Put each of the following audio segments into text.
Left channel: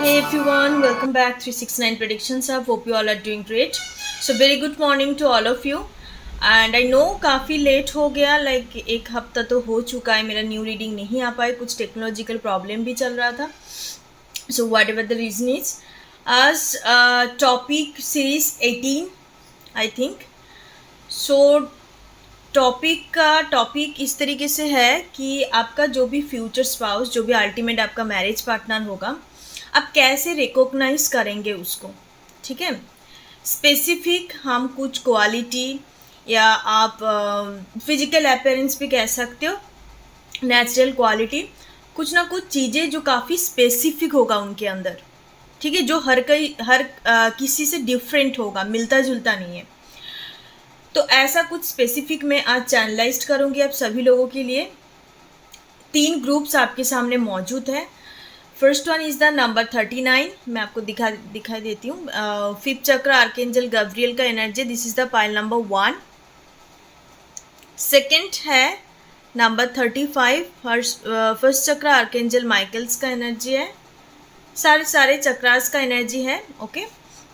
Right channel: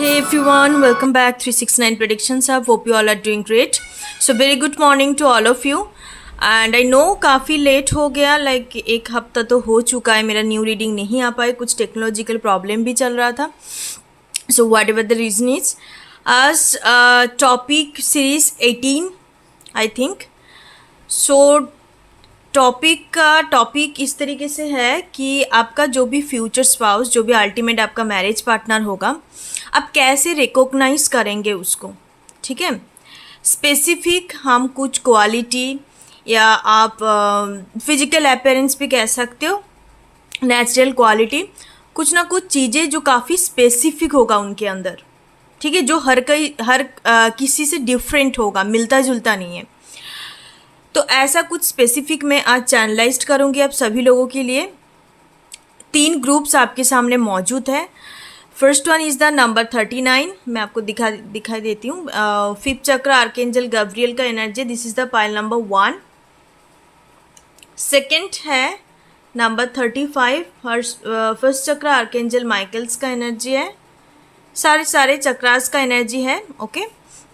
Hey everyone, welcome back 369 Predictions. I hope you all are doing great. So very good morning to all of you. And I know काफ़ी late हो गया, like एक हफ्ता तो हो चुका है मेरा न्यू रीडिंग नहीं आ पाए, कुछ टेक्नोलॉजिकल प्रॉब्लम भी चल रहा था. So whatever the reason is, आज topic series 18 I think. So topic इस तरीके से है कि आपका जो भी फ्यूचर स्पाउस, जो भी अल्टीमेट आपका मैरिज पार्टनर होगा, आप कैसे रिकॉग्नाइज करेंगे उसको. ठीक है, स्पेसिफिक हम कुछ क्वालिटी या आप फिजिकल अपीयरेंस भी कह सकते हो, नेचुरल क्वालिटी, कुछ ना कुछ चीज़ें जो काफ़ी स्पेसिफिक होगा उनके अंदर. ठीक है, जो हर किसी से डिफरेंट होगा, मिलता जुलता नहीं है. तो ऐसा कुछ स्पेसिफिक मैं आज चैनलाइज करूँगी आप सभी लोगों के लिए. 3 ग्रुप्स आपके सामने मौजूद है. First one is the number 39. मैं आपको दिखाई देती हूँ. फिफ्थ चक्र आर्केंजल गब्रियल का energy, this is the pile number 1. Second है नंबर 35, फर्स्ट चक्र आर्केंजल माइकल्स का एनर्जी है. सारे चक्रास का एनर्जी है. ओके.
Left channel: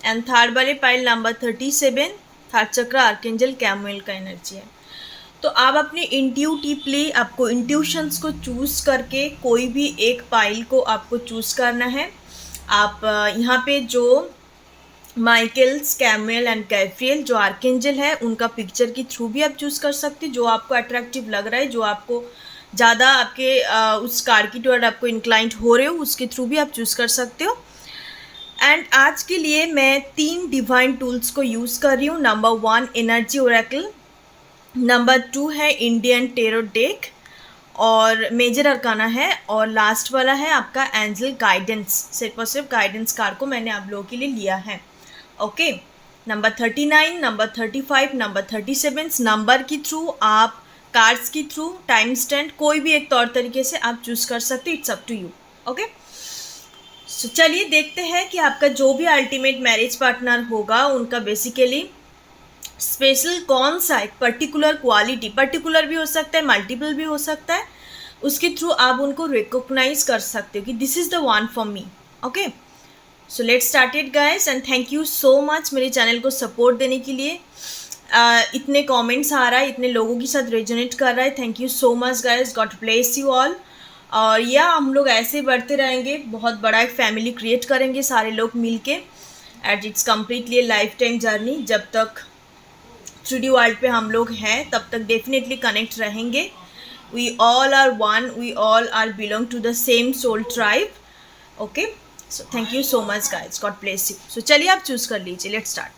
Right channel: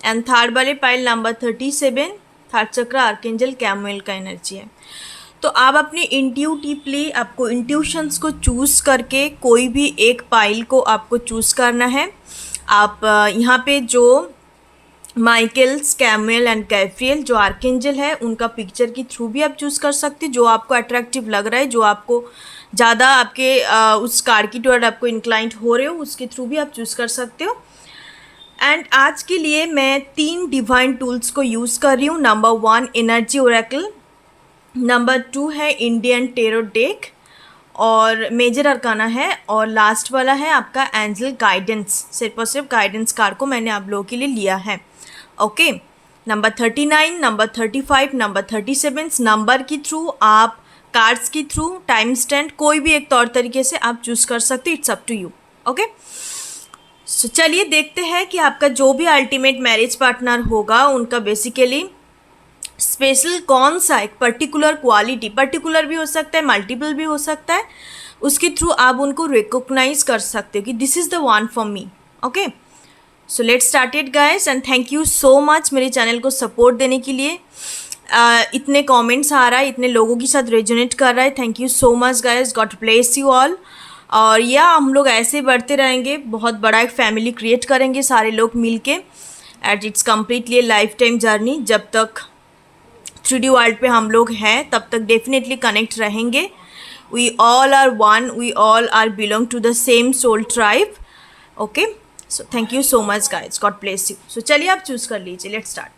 एंड थर्ड वाले pile number 37, third chakra archangel कैमुएल का एनर्जी है. तो आप अपने इंट्यूटिवली, आपको इंट्यूशंस को चूज़ करके कोई भी एक पाइल को आपको चूज़ करना है. आप यहाँ पे जो माइकल्स, कैमुएल एंड गैब्रियल जो आर्केंजल है, उनका पिक्चर के थ्रू भी आप चूज़ कर सकते हैं. जो आपको अट्रैक्टिव लग रहा है, जो आपको ज़्यादा आपके उस कार्ड की टुवर्ड आपको इंक्लाइंट हो रहे हो, उसके थ्रू भी आप चूज़ कर सकते हो. एंड आज के लिए मैं 3 डिवाइन टूल्स को यूज़ कर रही हूँ. नंबर 1 एनर्जी ओरेकल, नंबर 2 है इंडियन टेरो डेक और मेजर अरकाना है, और लास्ट वाला है आपका एंजल गाइडेंस. सिर्फ और सिर्फ गाइडेंस कार्ड को मैंने आप लोगों के लिए लिया है. Okay. Number 39, number 35, number 37 number के थ्रू, आप कार्ड्स के थ्रू, टाइम स्टैंड, कोई भी एक तौर तरीके से आप चूज़ कर सकते. It's up to you. Okay. So चलिए देखते हैं कि आपका जो भी अल्टीमेट मैरिज पार्टनर होगा, उनका बेसिकली स्पेशल कौन सा एक पर्टिकुलर क्वालिटी, पर्टिकुलर भी हो सकता है, मल्टीपल भी हो सकता है, उसके थ्रू आप उनको रिकॉग्नाइज कर सकते हो कि this is the one for me. Okay. So let's start it guys. And thank you so much मेरे चैनल को सपोर्ट देने के लिए. इतने कमेंट्स आ रहा है, इतने लोगों के साथ रेजोनेट कर रहा है. Thank you so much guys, God bless you all. और या हम लोग ऐसे बढ़ते रहेंगे, बहुत बड़ा एक फैमिली क्रिएट करेंगे सारे लोग मिल के. And it's completely life time journey. जब तक 3D वर्ल्ड पे हम लोग हैं, तब तक डेफिनेटली कनेक्ट रहेंगे. We all are one, we all are belong to the same soul tribe. Okay. So thank you so much guys, God bless you. So चलिए आप चूज़ कर लीजिए. Let's start.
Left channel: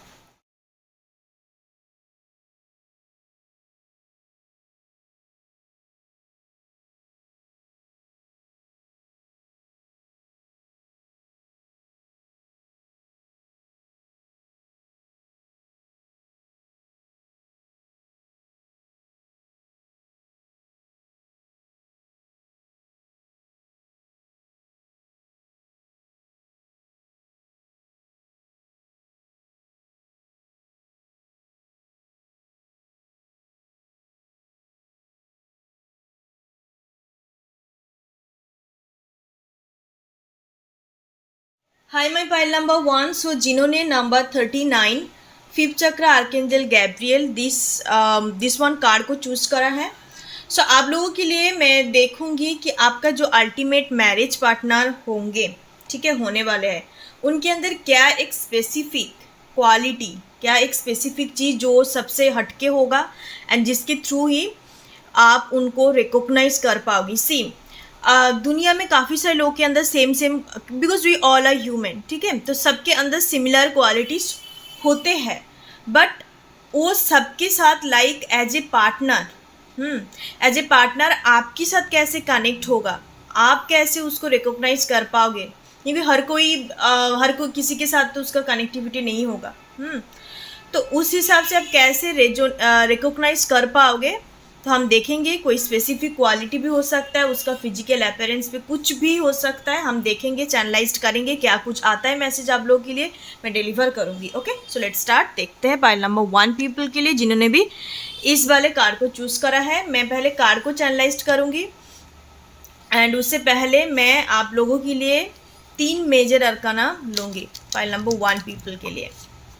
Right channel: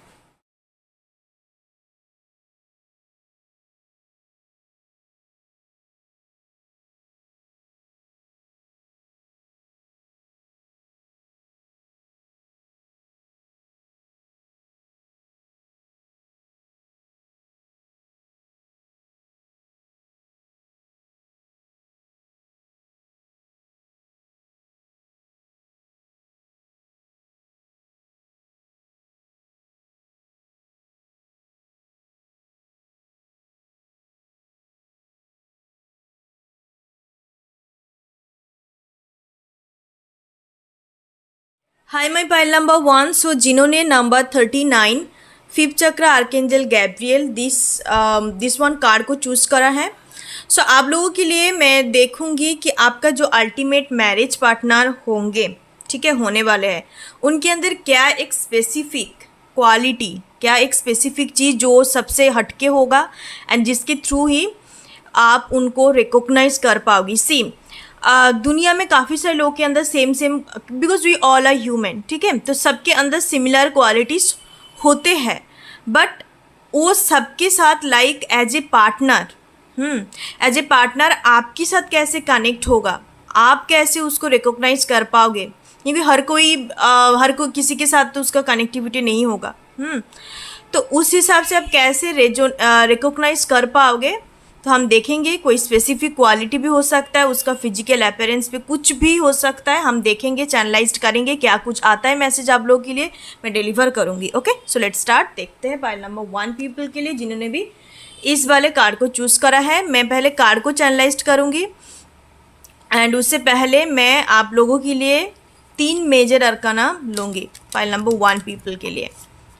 Hi my pile number 1. So जिन्होंने number 39 fifth chakra archangel Gabriel this one card को choose करा है. सो आप लोगों के लिए मैं देखूंगी कि आपका जो अल्टीमेट मैरिज पार्टनर होंगे, ठीक है, होने वाले हैं, उनके अंदर क्या एक स्पेसिफिक क्वालिटी, क्या एक स्पेसिफिक चीज़ जो सबसे हटके होगा एंड जिसके थ्रू ही आप उनको रिकॉग्नाइज कर पाओगी. सी दुनिया में काफ़ी सारे लोगों के अंदर same because we all are human, ठीक है, तो सबके अंदर सिमिलर क्वालिटीज़ होते हैं. बट वो सबके साथ like as a partner, as a partner आपके साथ कैसे कनेक्ट होगा, आप कैसे उसको रिकॉग्नाइज कर पाओगे, क्योंकि हर कोई किसी के साथ तो उसका कनेक्टिविटी नहीं होगा. तो उस हिसाब से आप कैसे रिकॉग्नाइज कर पाओगे, तो हम देखेंगे. कोई स्पेसिफिक क्वालिटी भी हो सकता है, उसका फिजिकल अपीयरेंस पे कुछ भी हो सकता है. हम देखेंगे, चैनलाइज करेंगे, क्या कुछ आता है मैसेज आप लोगों के लिए, मैं डिलीवर करूँगी. ओके. So let's start. देखते हैं पाइल नंबर 1 पीपल के लिए जिन्होंने भी इस वाले कार्ड को चूज़ करा है. मैं पहले कार्ड को चैनलाइज करूँगी एंड उससे पहले मैं आप लोगों के लिए 3 मेजर अरकाना लूँगी पाइल नंबर 1 पीपल के लिए।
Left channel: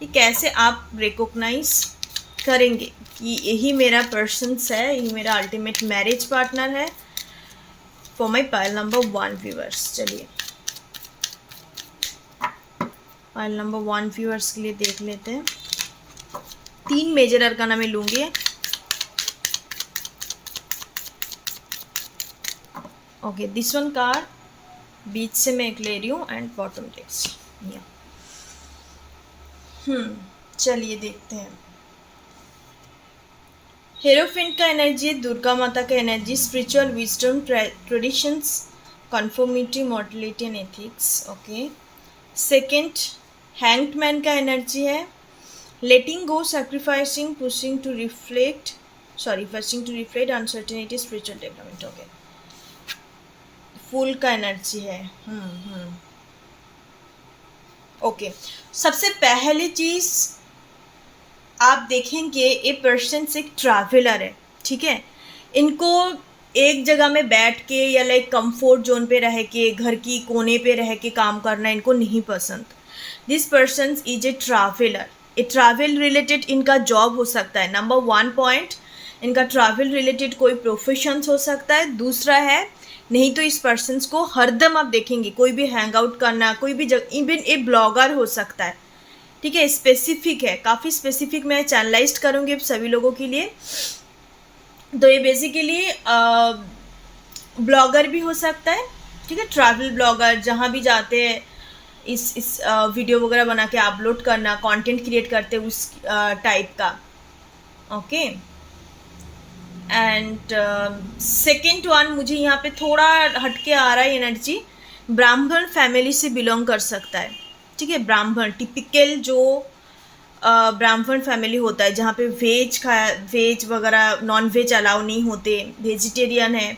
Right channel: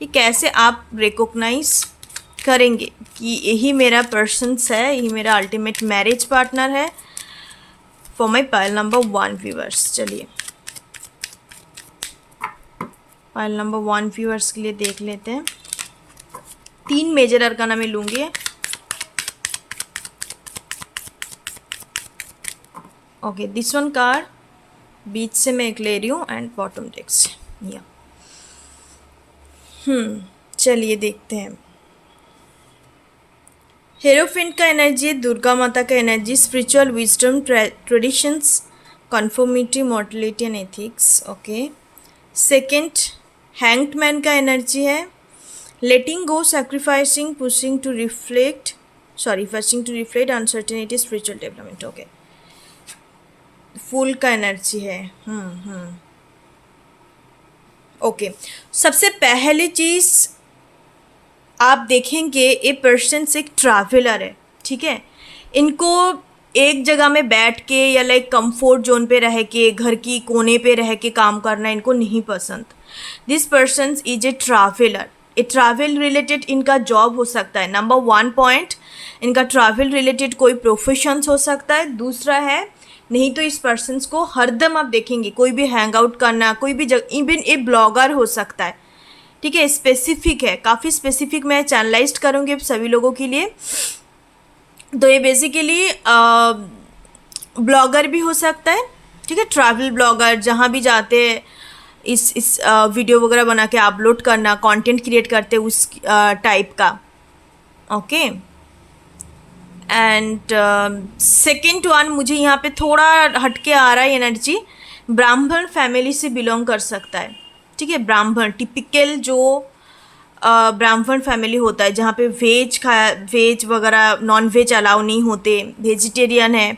ये कैसे आप रिकॉग्नाइज करेंगे कि यही मेरा पर्सन्स है, यही मेरा अल्टीमेट मैरिज पार्टनर है for my pile number 1 viewers. चलिए पाइल नंबर 1 व्यूअर्स के लिए देख लेते हैं। 3 मेजर अरकाना में लूँगी। ओके, दिस वन कार्ड बीच से मैं एक ले रही हूँ एंड बॉटम डेक से या चलिए देखते हैं। हेरोफेंट का एनर्जी है, दुर्गा माता का energy, spiritual wisdom, traditions, conformity, mortality and ethics. Okay, second hanged man का एनर्जी है, letting go, sacrificing, pushing to reflect, firsting to reflect, uncertainty, spiritual development. Okay, fool का एनर्जी है। ओके, सबसे पहली चीज़ आप देखेंगे ये पर्सन एक ट्रैवलर है, ठीक है। इनको एक जगह में बैठ के या लाइक कंफर्ट जोन पे रह के, घर की कोने पे रह के काम करना इनको नहीं पसंद। This person is a traveller. A travel related इनका जॉब हो सकता है। नंबर 1 पॉइंट, इनका ट्रैवल रिलेटेड कोई प्रोफेशन हो सकता है। दूसरा है, नहीं तो इस पर्सन को हरदम आप देखेंगे कोई भी हैंग आउट करना, कोई भी जगह, इवन ए ब्लॉगर हो सकता है, ठीक है। स्पेसिफिक है, काफ़ी स्पेसिफिक मैं चैनलाइज करूँगी सभी लोगों के लिए। तो ये बेसिकली ब्लॉगर भी हो सकता है, ठीक है। ट्रैवल ब्लॉगर, जहाँ भी जाते हैं इस वीडियो वगैरह बना के अपलोड करना, कंटेंट क्रिएट करते उस टाइप का। ओके, एंड सेकेंड वन मुझे यहाँ पे थोड़ा हटके आ रहा है एनर्जी, ब्राह्मण फैमिली से बिलोंग कर सकता है, ठीक है। ब्राह्मण टिपिकल जो ब्राह्मण फैमिली होता है जहाँ पे वेज वगैरह नॉन वेज अलाउ नहीं होते, वेजिटेरियन है,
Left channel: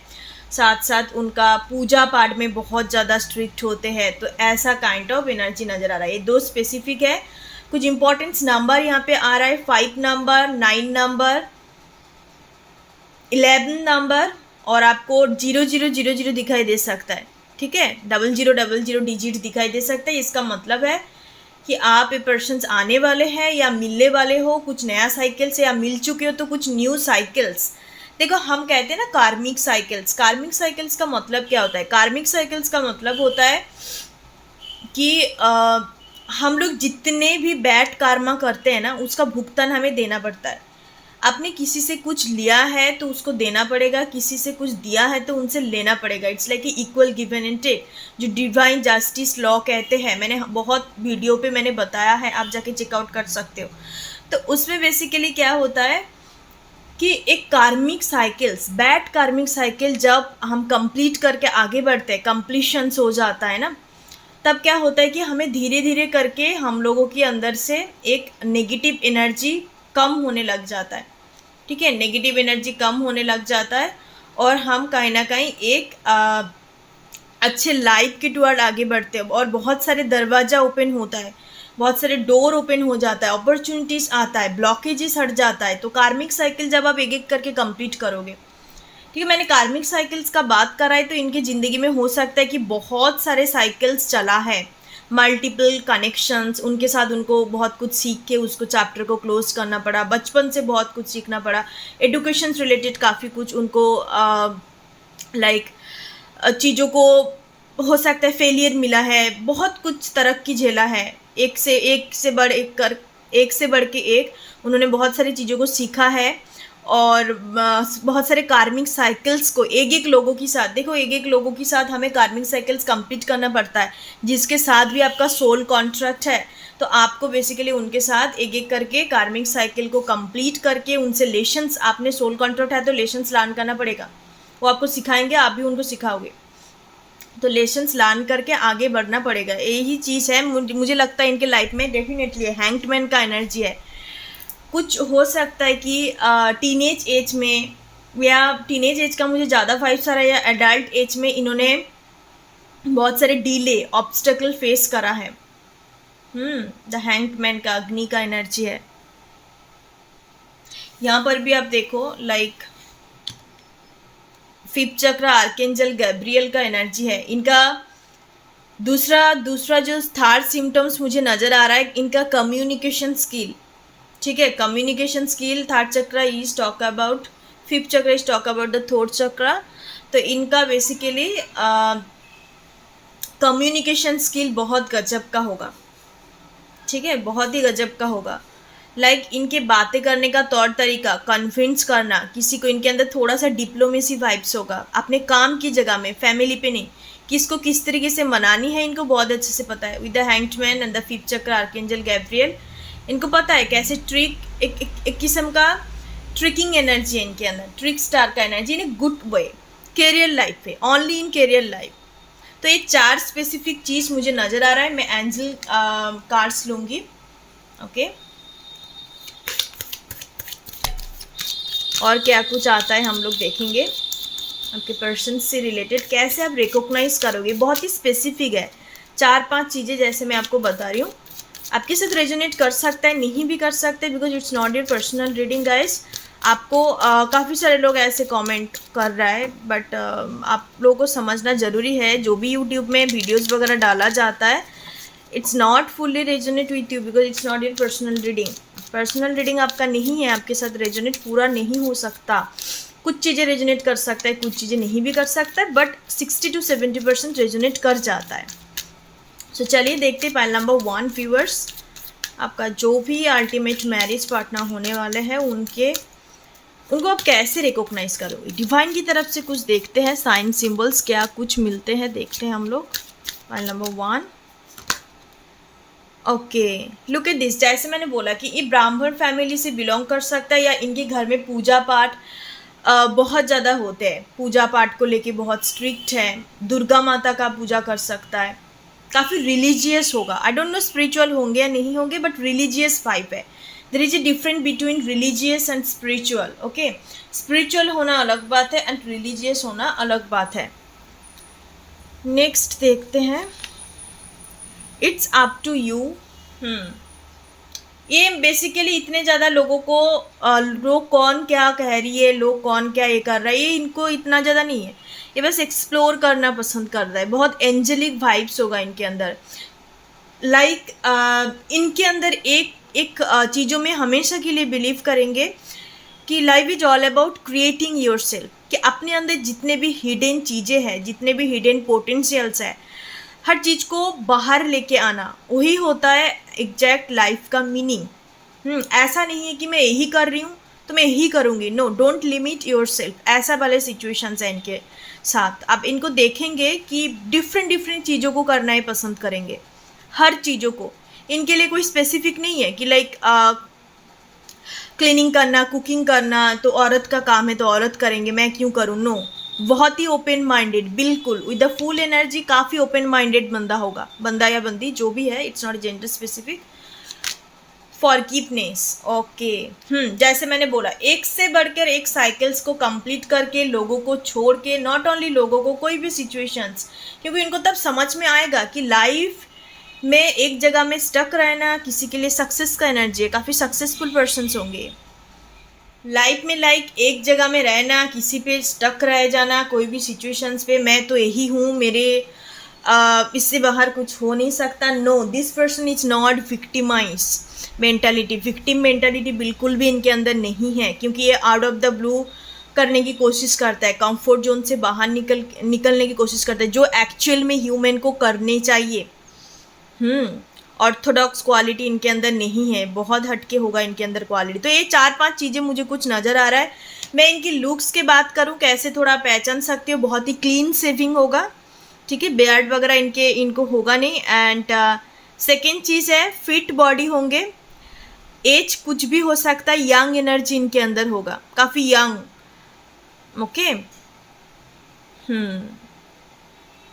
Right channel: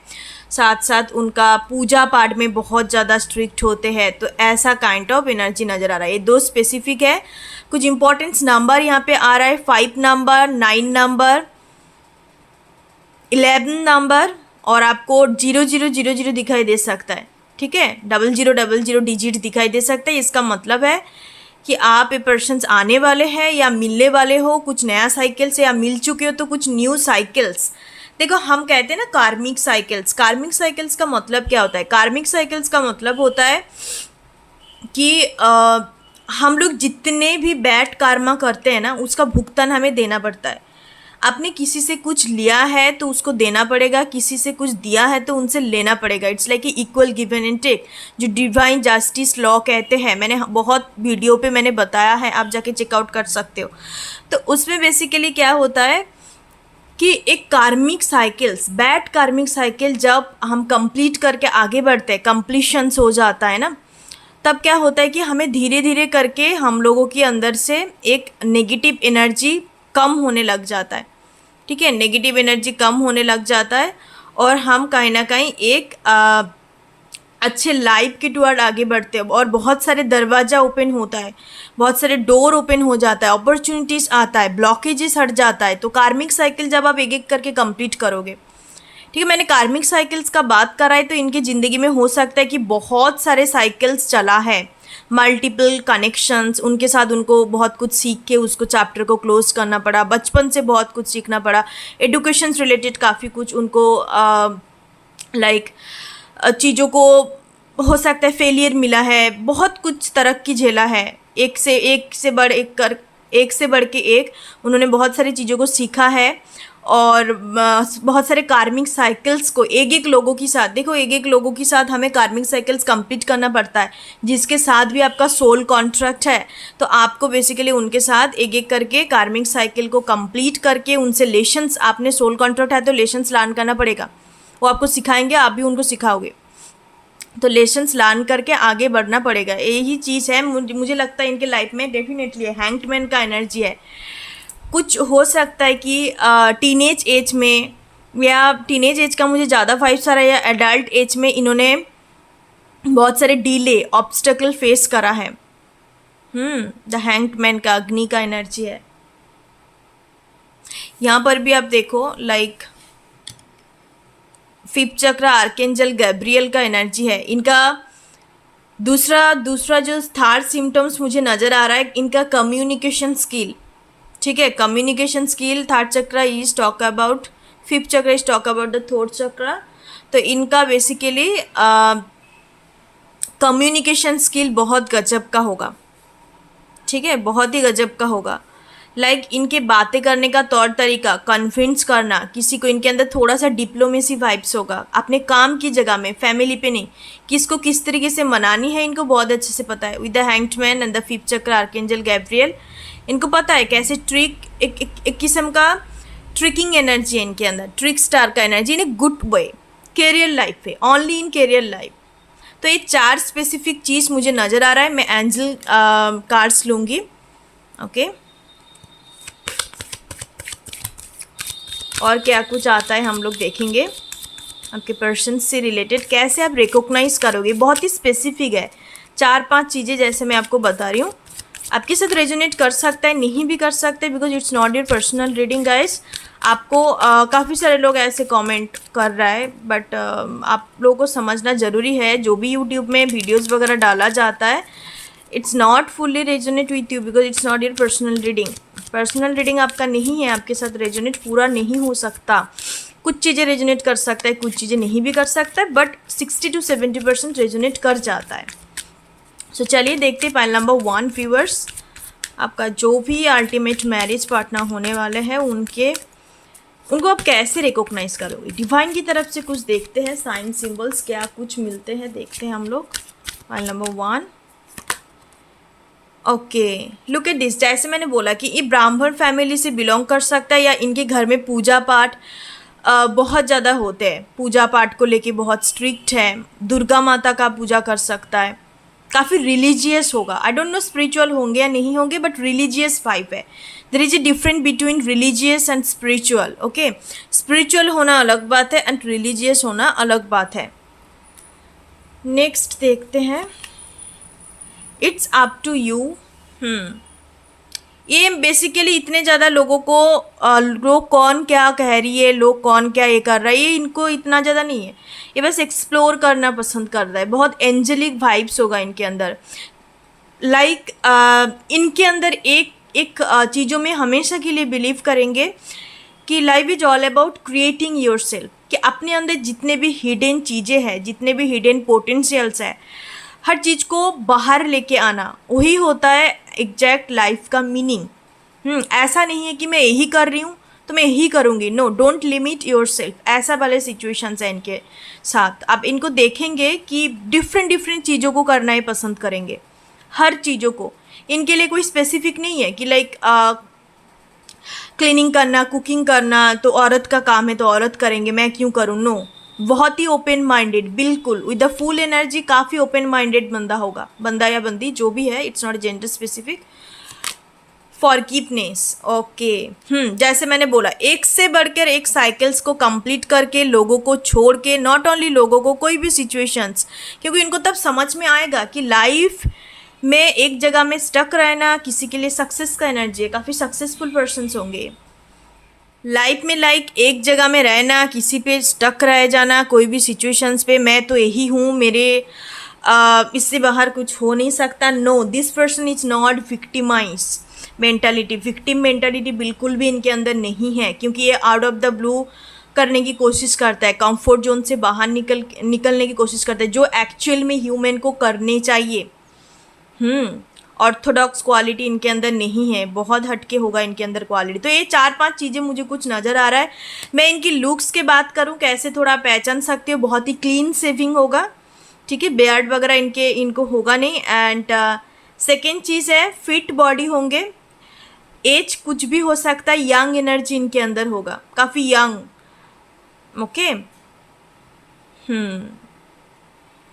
साथ साथ उनका पूजा पाठ में बहुत ज़्यादा स्ट्रिक्ट होते हैं। तो ऐसा काइंड ऑफ एनर्जी नज़र आ रहा है। ये 2 स्पेसिफिक है। कुछ इंपॉर्टेंस नंबर यहाँ पे आ रहा है, 5 नंबर, 9 नंबर, 11 नंबर, और आपको 0000 दिखाई दे सकता है, ठीक है। 0000 डिजिट दिखाई दे सकता है। इसका मतलब है कि आप ये पर्सन्स आने वाले हैं या मिलने वाले हो कुछ नया साइकिल से, या मिल चुके हो तो कुछ न्यू साइकिल्स। देखो, हम कहते हैं ना कार्मिक साइकिल्स। कार्मिक साइकिल्स का मतलब क्या होता है? कार्मिक साइकिल्स का मतलब होता है कि हम लोग जितने भी बैड कर्मा करते हैं ना, उसका भुगतान हमें देना पड़ता है। आपने किसी से कुछ लिया है तो उसको देना पड़ेगा, किसी से कुछ दिया है तो उनसे लेना पड़ेगा। It's like equal given and take, जो डिवाइन जस्टिस लॉ कहते हैं। मैंने बहुत वीडियो पे मैंने बताया है, आप जाके चेकआउट कर सकते हो। तो उसमें बेसिकली क्या होता है कि एक कार्मिक साइकिल्स, बैड कार्मिक साइकिल जब हम कंप्लीट करके आगे बढ़ते हैं, कंप्लीशंस हो जाता है ना, तब क्या होता है कि हमें धीरे धीरे करके हम लोगों के अंदर से एक नेगेटिव एनर्जी कम होने लग जाता है, ठीक है। नेगेटिव एनर्जी कम होने लग जाता है और हम कहीं ना कहीं एक अच्छे लाइफ के टुवर्ड आगे बढ़ते हैं, और बहुत सारे दरवाज़ा ओपन होता है, बहुत सारे डोर ओपन हो जाता है, अपॉर्चुनिटीज़ आता है, ब्लॉकेजेस हट जाता है। तो कार्मिक साइकिल जब आप एक एक करके कंप्लीट करोगे, ठीक है। मैंने कार्मिक साइकिल्स का बात करा है, तो इनकी ज़िंदगी में हो सकता है कि बहुत सारे साइकिल्स चला है, मल्टीपल कनेक्शंस, उनके साथ उनको बहुत कुछ सीख के उसको चैप्टर को क्लोज करना पड़ा, बचपन से बहुत कुछ सीखना पड़ा, एडुकेशन रिलेटेड काफ़ी कुछ उनको लाइक चीज़ों को हो सकता है फेलियर मिला है, बहुत कुछ तरक्की झेला है, एक से बढ़ के एक उन्होंने बहुत सारी चीज़ों को सीखा है। और बहुत सारे कार्मिक साइकिल्स को एक एक लोगों के साथ, देखो एक एक लोगों के साथ हमें कार्मिक साइकिल्स कंप्लीट करना पड़ता है, जिसके साथ भी आपका सोल कॉन्ट्रैक्ट है। तो आपको बेसिकली उनके साथ एक एक करके कार्मिक साइकिल को कंप्लीट करके उनसे लेशंस, आपने सोल कॉन्ट्रैक्ट है तो लेशंस लर्न करना पड़ेगा, वो आपको सिखाएंगे, आप भी उनको सिखाओगे, तो लेसन्स लर्न करके आगे बढ़ना पड़ेगा। यही चीज़ है, मुझे लगता है इनके लाइफ में डेफिनेटली हैंग्ड मैन का एनर्जी है। कुछ हो सकता है कि टीनेज एज में, या टीनेज एज का मुझे ज़्यादा 5 सारा, या एडल्ट एज में इन्होंने बहुत सारे डीले, ऑब्स्टेकल फेस करा है। द हैंग्ड मैन का अग्नि का एनर्जी है। यहाँ पर भी आप देखो लाइक 5th चक्र आर्केंजल गैब्रियल का एनर्जी है। इनका दूसरा दूसरा जो थर्ड सिम्टम्स मुझे नज़र आ रहा है, इनका कम्युनिकेशन स्किल, ठीक है, communication skill. Third chakra is talk about, fifth chakra is talk about the third chakra. तो इनका बेसिकली कम्युनिकेशन स्किल बहुत गजब का होगा, ठीक है, बहुत ही गजब का होगा। लाइक इनके बातें करने का तौर तरीका, कन्विंस करना किसी को, इनके अंदर थोड़ा सा डिप्लोमेसी वाइब्स होगा। अपने काम की जगह में, फैमिली पे नहीं, किसको किस तरीके से मनानी है इनको बहुत अच्छे से पता है। With the hanged man and the fifth चक्र आर्कएंजल गैब्रियल, इनको पता है कैसे ट्रिक, एक किस्म का ट्रिकिंग एनर्जी है इनके अंदर, ट्रिक स्टार का energy in a good way, career life पे, ओनली इन कैरियर लाइफ। तो ये 4 स्पेसिफिक चीज़ मुझे नज़र आ रहा है। मैं एंजल कार्ड्स लूँगी, ओके। और क्या कुछ आता है हम लोग देखेंगे। आपके पर्सन से रिलेटेड कैसे आप रिकॉग्नाइज करोगे, बहुत ही स्पेसिफिक है। 4-5 चीज़ें जैसे मैं आपको बता रही हूँ, आपके साथ रेजोनेट कर सकता है, नहीं भी कर सकते, because it's not your personal reading guys. आपको काफ़ी सारे लोग ऐसे कमेंट कर रहा है, बट आप लोगों को समझना ज़रूरी है, जो भी यूट्यूब में वीडियोस वगैरह डाला जाता है, it's not fully resonate with you, because it's not your personal reading. Personal reading आपका नहीं है, आपके साथ रेजोनेट पूरा नहीं हो सकता। कुछ चीज़ें रेजोनेट कर सकता है, कुछ चीज़ें नहीं भी कर सकता है, बट 60 to 70% रेजोनेट कर जाता है। सो चलिए देखते हैं पाइल नंबर 1 व्यूअर्स, आपका जो भी अल्टीमेट मैरिज पार्टनर होने वाले हैं उनको आप कैसे रिकॉग्नाइज करोगे। डिवाइन की तरफ से कुछ देखते हैं, साइन सिंबल्स क्या कुछ मिलते हैं, देखते हैं हम लोग। Pile number 1, okay, look at this. जैसे मैंने बोला कि ये ब्राह्मण फैमिली से बिलोंग कर सकता है, या इनके घर में पूजा पाठ बहुत ज़्यादा होते हैं, पूजा पाठ को लेके बहुत स्ट्रिक्ट है, दुर्गा माता का पूजा कर सकता है, काफ़ी रिलीजियस होगा। आई डोंट नो स्पिरिचुअल होंगे या नहीं होंगे, बट रिलीजियस वाइब है। There is a difference between religious and spiritual, okay. Spiritual होना अलग बात है एंड रिलीजियस होना अलग बात है। नेक्स्ट देखते हैं, इट्स अप टू यू। ये बेसिकली इतने ज़्यादा लोगों को लोग कौन क्या कह रही है, लोग कौन क्या ये कर रहा है, ये इनको इतना ज़्यादा नहीं है। ये बस एक्सप्लोर करना पसंद कर रहा है। बहुत एंजेलिक वाइब्स होगा इनके अंदर। लाइक इनके अंदर एक चीज़ों में हमेशा के लिए बिलीव करेंगे कि life is all about creating your self, कि अपने अंदर जितने भी हिडन चीज़ें हैं, जितने भी हिडन पोटेंशियल्स है, हर चीज़ को बाहर लेके आना, वही होता है एग्जैक्ट लाइफ का मीनिंग। ऐसा नहीं है कि मैं यही कर रही हूँ तो मैं यही करूँगी, no, don't limit yourself. ऐसा वाले सिचुएशंस हैं इनके साथ। आप इनको देखेंगे कि डिफरेंट चीज़ों को करना ही पसंद करेंगे, हर चीज़ों को। इनके लिए कोई स्पेसिफिक नहीं है कि लाइक क्लीनिंग करना, कुकिंग करना तो औरत का काम है तो औरत करेंगे, मैं क्यों करूँ, नो। बहुत ही ओपन माइंडेड, बिल्कुल विद द फुल एनर्जी, काफ़ी ओपन माइंडेड बंदा होगा, बंदा या बंदी जो भी है, it's not gender specific. Forgiveness, okay. जैसे मैंने बोला, एक से बढ़कर एक साइकिल्स को कंप्लीट करके, लोगों को छोड़ के, नॉट ओनली लोगों को, कोई भी सिचुएशंस, क्योंकि इनको तब समझ में आएगा कि लाइफ में एक जगह में स्टक रहना किसी के लिए सक्सेस का एनर्जी है। काफ़ी सक्सेसफुल पर्सन्स होंगे लाइफ में, लाइक एक जगह में रहना, किसी पे स्टक रह जाना, कोई भी सिचुएशंस पे, मैं तो यही हूँ, मेरे इससे बाहर कुछ हो नहीं सकता, no. This person is not victimize mentality. Victim mentality बिल्कुल भी इनके अंदर नहीं है, क्योंकि ये आउट ऑफ द ब्लू करने की कोशिश करता है, कंफर्ट जोन से बाहर निकलने की कोशिश करता है, जो एक्चुअल में ह्यूमन को करने चाहिए। ऑर्थोडॉक्स क्वालिटी इनके अंदर नहीं है, बहुत हटके होगा इनके अंदर क्वालिटी। तो ये 4-5 चीज़ें मुझे कुछ नज़र आ रहा है। मैं इनकी लुक्स की बात करूँ, कैसे थोड़ा पहचान सकते हो, बहुत ही क्लीन सेविंग होगा, ठीक है, बियर्ड वगैरह इनको होगा नहीं। एंड सेकेंड चीज़ है, फिट बॉडी होंगे, एज कुछ भी हो सकता है, यंग एनर्जी इनके अंदर होगा, काफ़ी यंग, ओके।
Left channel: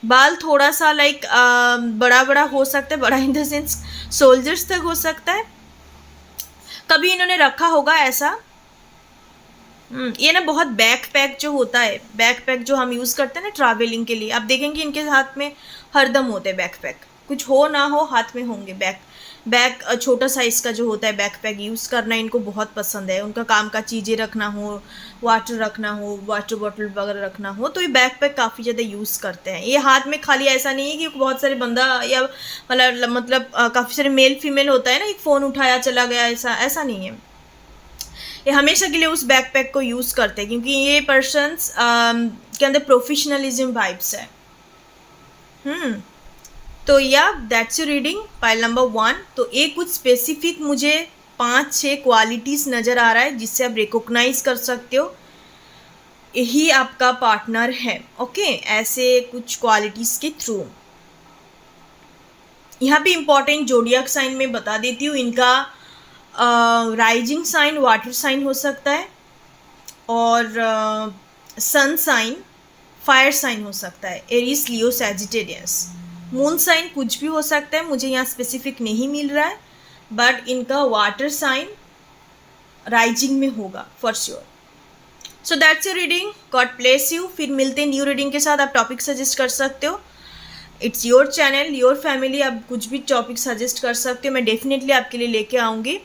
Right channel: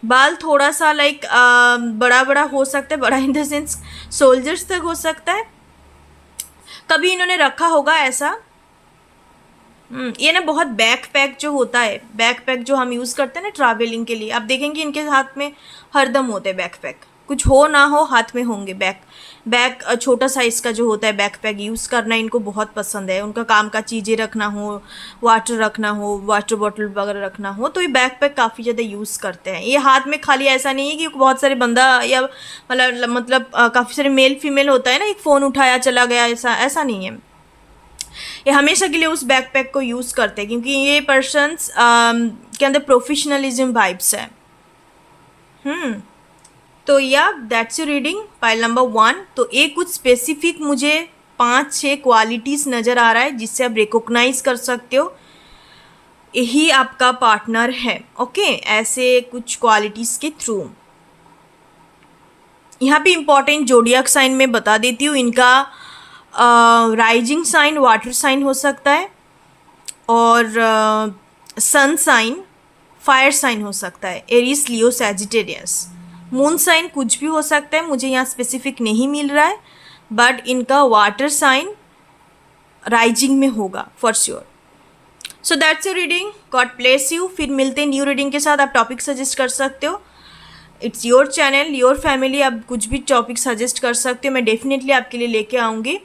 बाल थोड़ा सा लाइक बड़ा हो सकता है, बड़ा इन द सेंस सोल्जर्स तक हो सकता है, कभी इन्होंने रखा होगा ऐसा। ये ना बहुत बैकपैक जो होता है, बैकपैक जो हम यूज़ करते हैं ना ट्रैवलिंग के लिए, आप देखेंगे इनके हाथ में हरदम होते हैं बैकपैक, कुछ हो ना हो हाथ में होंगे बैग छोटा साइज़ का जो होता है बैकपैक यूज़ करना इनको बहुत पसंद है। उनका काम का चीज़ें रखना हो, वाटर रखना हो, वाटर बॉटल वगैरह रखना हो, तो ये बैकपैक काफ़ी ज़्यादा यूज़ करते हैं। ये हाथ में खाली ऐसा नहीं है कि बहुत सारे बंदा या मतलब काफ़ी सारे मेल फीमेल होता है ना, एक फ़ोन उठाया चला गया, ऐसा ऐसा नहीं है। ये हमेशा के लिए उस बैकपैक को यूज़ करते हैं क्योंकि ये पर्सन्स के अंदर प्रोफेशनलिज्म वाइब्स है। तो या that's your reading pile number 1। तो ये कुछ स्पेसिफिक मुझे 5-6 क्वालिटीज़ नज़र आ रहा है जिससे आप रिकॉग्नाइज कर सकते हो यही आपका पार्टनर है। ओके, ऐसे कुछ क्वालिटीज़ के थ्रू। यहाँ पे इम्पॉर्टेंट जोडियक साइन में बता देती हूँ। इनका राइजिंग साइन वाटर साइन हो सकता है और सन साइन फायर साइन हो सकता है, Aries Leo Sagittarius. Moon sign कुछ भी हो सकता है, मुझे यहाँ स्पेसिफिक नहीं मिल रहा है, बट इनका वाटर साइन राइजिंग में होगा for sure. So that's your reading, God bless you. फिर मिलते हैं न्यू रीडिंग के साथ। आप टॉपिक सजेस्ट कर सकते हो, it's your channel, your family, आप कुछ भी टॉपिक सजेस्ट कर सकते हो, मैं डेफिनेटली आपके लिए लेके आऊँगी।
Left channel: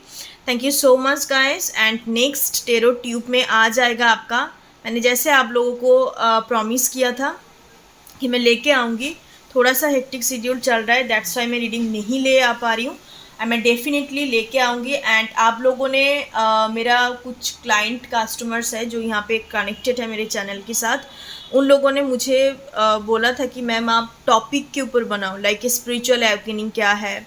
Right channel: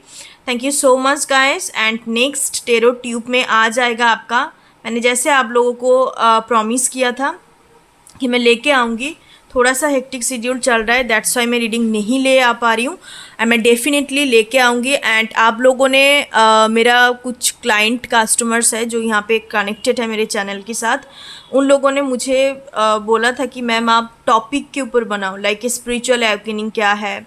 Thank you so much guys. And next tarot tube में आ जाएगा आपका, मैंने जैसे आप लोगों को प्रॉमिस किया था कि मैं लेके आऊँगी। थोड़ा सा हेक्टिक शेड्यूल चल रहा है, दैट्स वाई मैं रीडिंग नहीं ले आ पा रही हूँ, एंड मैं डेफिनेटली लेके आऊँगी। एंड आप लोगों ने मेरा कुछ क्लाइंट कस्टमर्स है जो यहाँ पे कनेक्टेड है मेरे चैनल के साथ, उन लोगों ने मुझे बोला था कि मैम आप टॉपिक के ऊपर बनाओ, लाइक स्पिरिचुअल अवेकनिंग क्या है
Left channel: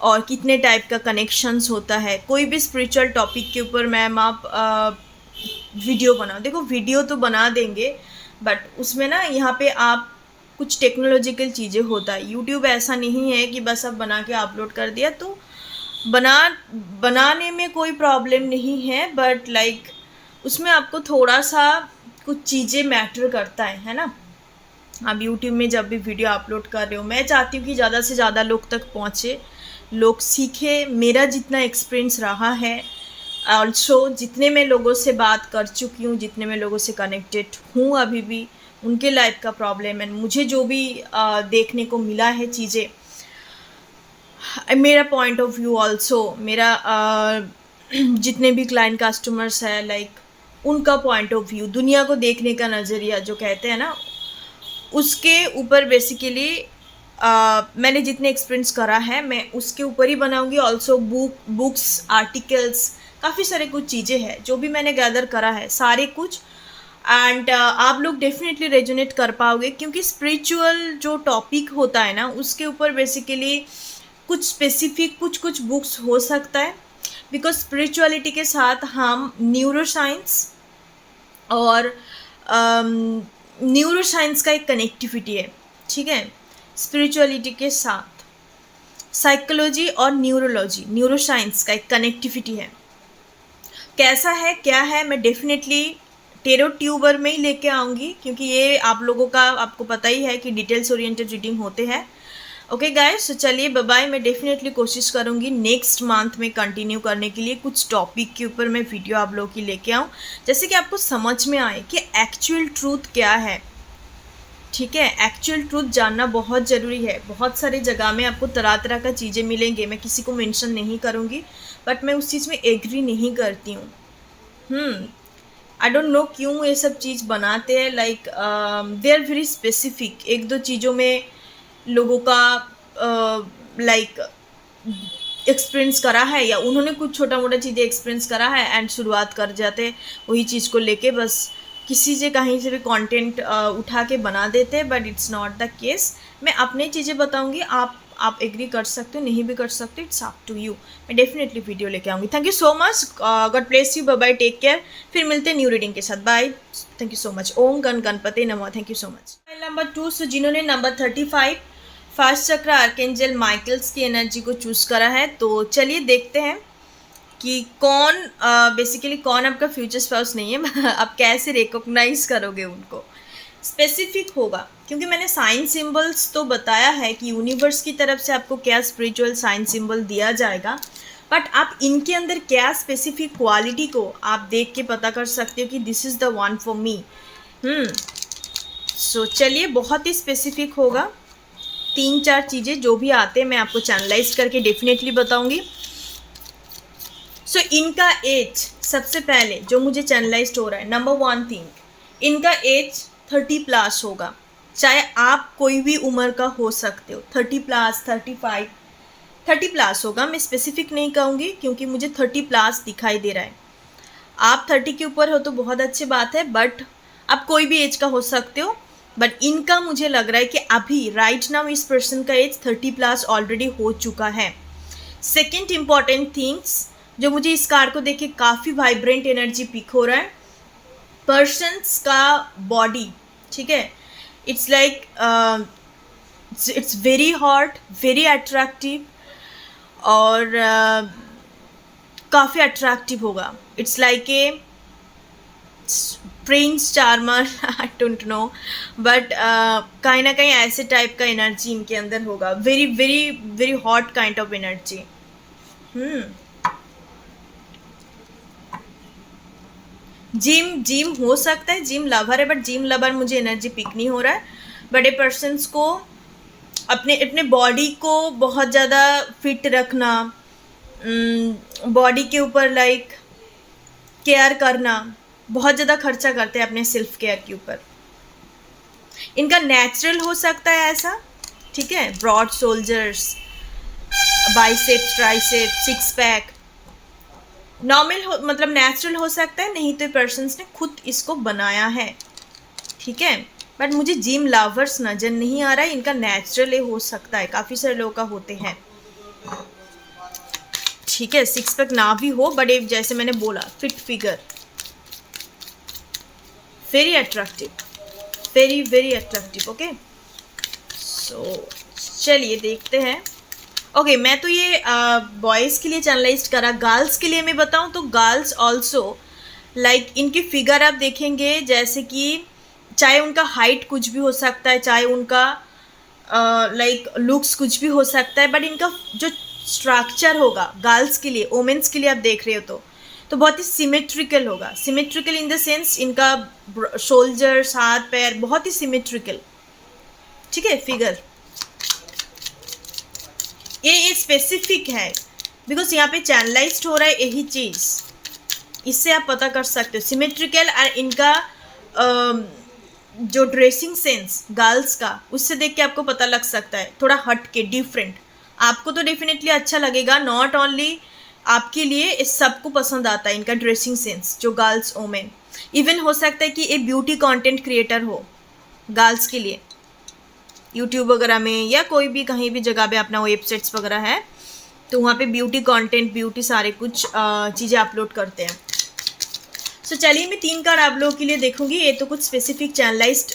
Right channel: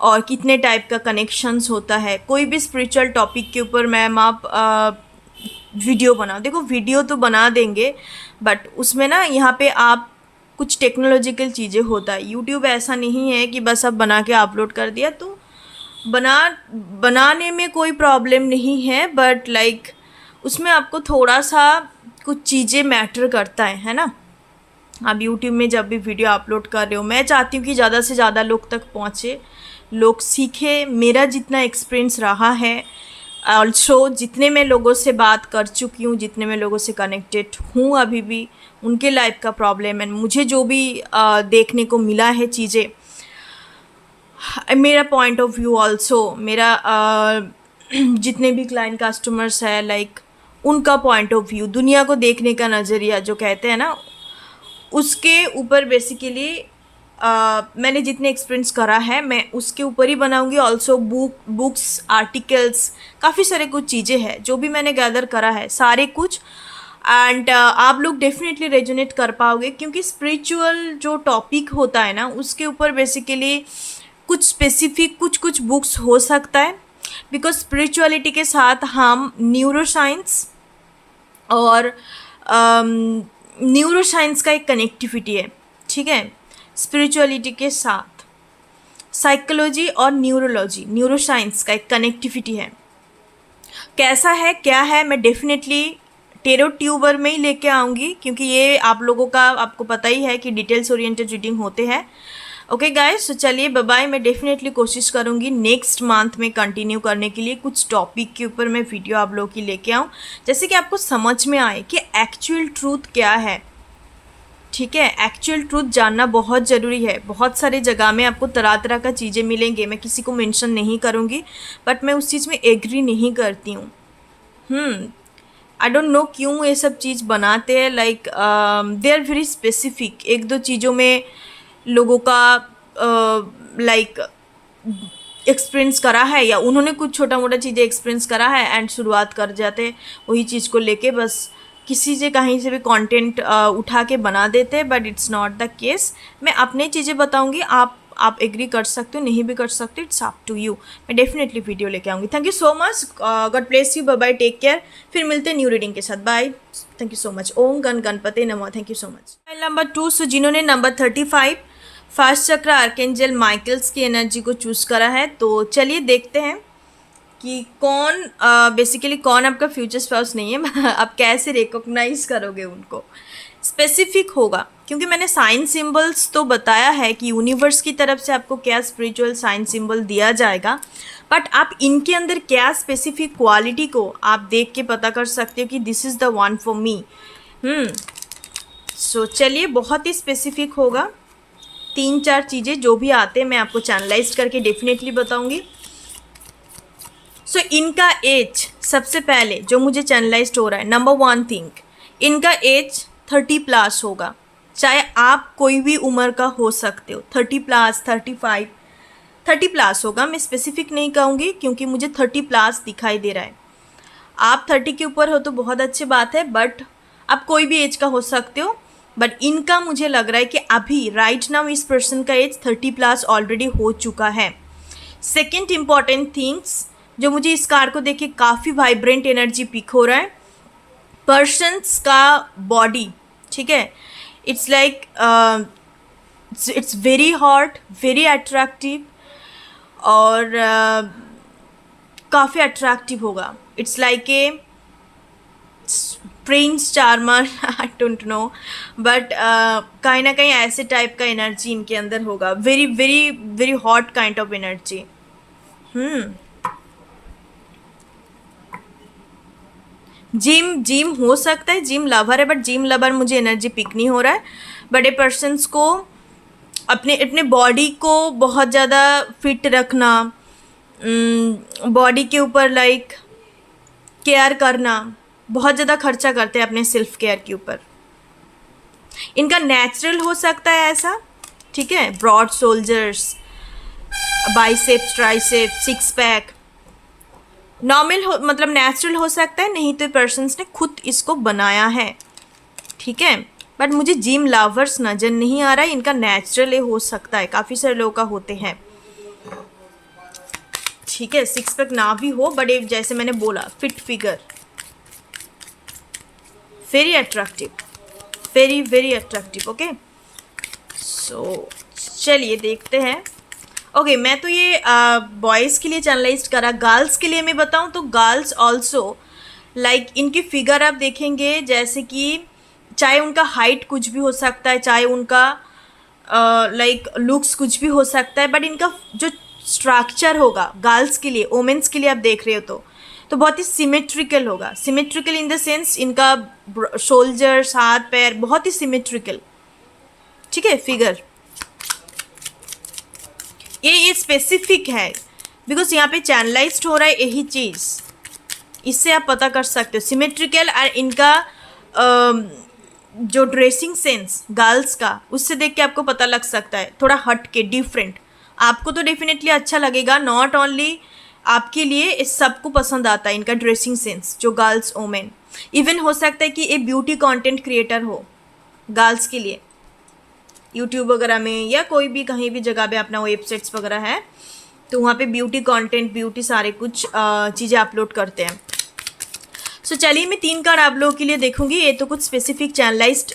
और कितने टाइप का कनेक्शंस होता है, कोई भी स्पिरिचुअल टॉपिक के ऊपर मैम आप वीडियो बनाओ। देखो वीडियो तो बना देंगे, बट उसमें ना यहाँ पे आप कुछ टेक्नोलॉजिकल चीज़ें होता है। यूट्यूब ऐसा नहीं है कि बस अब बना के अपलोड कर दिया, तो बनाने में कोई प्रॉब्लम नहीं है, बट लाइक उसमें आपको थोड़ा सा कुछ चीज़ें मैटर करता है ना। आप यूट्यूब में जब भी वीडियो अपलोड कर रहे हो, मैं चाहती हूँ कि ज़्यादा से ज़्यादा लोग तक पहुँचे, लोग सीखे। मेरा जितना एक्सपीरियंस रहा है, ऑल्सो जितने मैं लोगों से बात कर चुकी हूँ, जितने मैं लोगों से कनेक्टेड हूँ अभी भी, उनके लाइफ का प्रॉब्लम है, मुझे जो भी देखने को मिला है चीज़ें, मेरा पॉइंट ऑफ व्यू ऑल्सो, मेरा जितने भी क्लाइंट कस्टमर्स है, लाइक उनका पॉइंट ऑफ व्यू, दुनिया को देखने का नज़रिया जो कहते हैं ना, उसके ऊपर बेसिकली मैंने जितने एक्सपीरियंस करा है मैं उसके ऊपर ही बनाऊंगी। ऑल्सो बुक्स आर्टिकल्स काफ़ी सारे कुछ चीज़ें हैं जो भी मैंने गैदर करा है, सारे कुछ। एंड आप लोग डेफिनेटली रेजोनेट कर पाओगे क्योंकि स्पिरिचुअल जो टॉपिक होता है ना, उसके ऊपर बेसिकली कुछ स्पेसिफिक कुछ बुक्स हो सकता है, बिकॉज स्पिरिचुअलिटी के साथ हम न्यूरोसाइंस और न्यूरोसाइंस का एक कनेक्टिविटी है, ठीक है। स्पिरिचुअलिटी के साथ साइकोलॉजी और न्यूरोसाइंस का एक कनेक्टिविटी है। कैसा है क्या है, मैं डेफिनेटली टेरो ट्यूबर में ही लेके आऊँगी क्योंकि ये आप लोगों का आपको पता ही है कि डिटेल्स ओरिएंटेड रीडिंग होते हैं। ओके गाइस, तो चलिए बाय बाय। मैं डेफिनेटली कोशिश करूँगी नेक्स्ट मंथ में कंटिन्यू करने के लिए, कुछ टॉपिक के ऊपर मैं वीडियो आप लोगों की लेके आऊँ, जैसे कि आपको समझ में आए कि एक्चुअल ट्रूथ क्या है, ठीक है। एक्चुअल ट्रूथ जानना बहुत ज़रूरी है। बहुत सारे जगह में आपको तरह तरह का चीज़ें मिलेंगे, मैं किसी को मेंशन नहीं करूँगी, बट मैं उस चीज़ में एग्री नहीं करती हूँ। आई डोंट नो क्यों ये सब चीज़ बनाते हैं, like they are very specific. एक दो चीज़ों में लोगों का लाइक एक्सपीरियंस करा है या उन्होंने कुछ छोटा मोटा चीज़ें एक्सपीरियंस करा है एंड शुरुआत कर जाते हैं वही चीज़ को लेके, बस किसी से कहीं से भी कंटेंट उठा के बना देते हैं, but it's not the case. मैं अपनी चीज़ें बताऊंगी, आप एग्री कर सकते हो, नहीं भी कर सकते, इट्स अप टू यू। मैं डेफिनेटली वीडियो लेके आऊँगी। Thank you so much, god bless you, bye bye, take care. फिर मिलते हैं न्यू रीडिंग के साथ, bye. Thank you so much. ओम गणपति नमः। Thank you so much. Number 2, so जिन्होंने number 35 first chakra archangel Michael's की एनर्जी को चूज करा है, तो चलिए देखते हैं कि कौन बेसिकली कौन आपका फ्यूचर स्पाउस नहीं है। आप कैसे रिकॉग्नाइज करोगे उनको, स्पेसिफिक होगा क्योंकि मैंने साइन सिंबल्स तो बताया है कि यूनिवर्स की तरफ से आपको क्या स्पिरिचुअल साइन सिंबल दिया जाएगा, बट आप इनके अंदर क्या स्पेसिफिक क्वालिटी को आप देख के पता कर सकते हो कि this is the one for me. So चलिए, बहुत ही स्पेसिफिक होगा। 3-4 चीज़ें जो भी आते हैं मैं आपको चैनलाइज करके डेफिनेटली बताऊंगी। सो इनका एज सबसे पहले जो मुझे चैनलाइज्ड हो रहा है, नंबर 1 थिंग, इनका एज 30+ होगा। चाहे आप कोई भी उम्र का हो सकते हो, 30+, 35, 30+ होगा। मैं स्पेसिफिक नहीं कहूँगी क्योंकि मुझे 30+ दिखाई दे रहा है। आप 30 के ऊपर हो तो बहुत अच्छी बात है, बट आप कोई भी एज का हो सकते हो। बट इनका मुझे लग रहा है कि अभी राइट नाउ इस पर्सन का एज 30+ ऑलरेडी हो चुका है। सेकेंड इम्पॉर्टेंट थिंग्स जो मुझे इस कार्ड को देख के काफ़ी वाइब्रेंट एनर्जी पिक हो रहा है, पर्सन्स का बॉडी, ठीक है, it's like it's very hot, very attractive, और काफ़ी अट्रैक्टिव होगा। It's like a Prince charmer, I don't know, but कहीं ना कहीं ऐसे टाइप का एनर्जी इनके अंदर होगा। Very very very hot kind of energy. Gym हो सकता है, जिम लवर है, बट जिम लवर मुझे एनर्जी पिक नहीं हो रहा है। बड़े पर्सन्स को अपने बॉडी को बहुत ज़्यादा फिट रखना, बॉडी के ऊपर लाइक केयर करना, बहुत ज़्यादा खर्चा करते हैं अपने सेल्फ केयर के ऊपर। इनका नेचुरल हो सकता है ऐसा, ठीक है, broad shoulders, biceps, triceps, 6 pack, normal हो, मतलब नेचुरल हो सकता है, नहीं तो पर्सन्स ने खुद इसको बनाया है, ठीक है। बट मुझे जिम लवर्स नज़र नहीं आ रहा है, इनका नेचुरल हो सकता है, काफ़ी सारे लोगों का होते हैं, ठीक है। 6 पैक ना भी हो, बट जैसे मैंने बोला fit figure, very attractive, very very attractive. Okay, so चलिए देखते हैं। ओके, मैं तो ये बॉयज़ के लिए चैनलाइज करा। गर्ल्स के लिए मैं बताऊं तो गर्ल्स ऑल्सो लाइक इनकी फिगर आप देखेंगे, जैसे कि चाहे उनका हाइट कुछ भी हो सकता है, चाहे उनका लाइक लुक्स कुछ भी हो सकता है, बट इनका जो स्ट्रक्चर होगा गर्ल्स के लिए, वोमेंस के लिए आप देख रहे हो तो बहुत ही सिमेट्रिकल होगा। सिमेट्रिकल इन द सेंस इनका शोल्डर्स, हाथ पैर बहुत ही सिमेट्रिकल, ठीक है, फिगर। ये स्पेसिफिक है बिकॉज यहाँ पे चैनलाइज्ड हो रहा है यही चीज़, इससे आप पता कर सकते हो सिमेट्रिकल। और इनका जो ड्रेसिंग सेंस गर्ल्स का, उससे देख के आपको पता लग सकता है थोड़ा हट के, डिफरेंट। आपको तो डेफिनेटली अच्छा लगेगा, नॉट ओनली आपके लिए, इस सबको पसंद आता है इनका ड्रेसिंग सेंस, जो गर्ल्स वोमेन। इवन हो सकता है कि एक ब्यूटी कंटेंट क्रिएटर हो गर्ल्स के लिए, यूट्यूब वगैरह में या कोई भी कहीं भी जगह पे अपना वेबसाइट्स वगैरह है तो वहाँ पे ब्यूटी कंटेंट, ब्यूटी सारे कुछ चीज़ें अपलोड करते हैं। सो चलिए मैं 3 कार्ड आप लोगों के लिए देखूंगी। ये तो कुछ स्पेसिफिक चैनलाइज्ड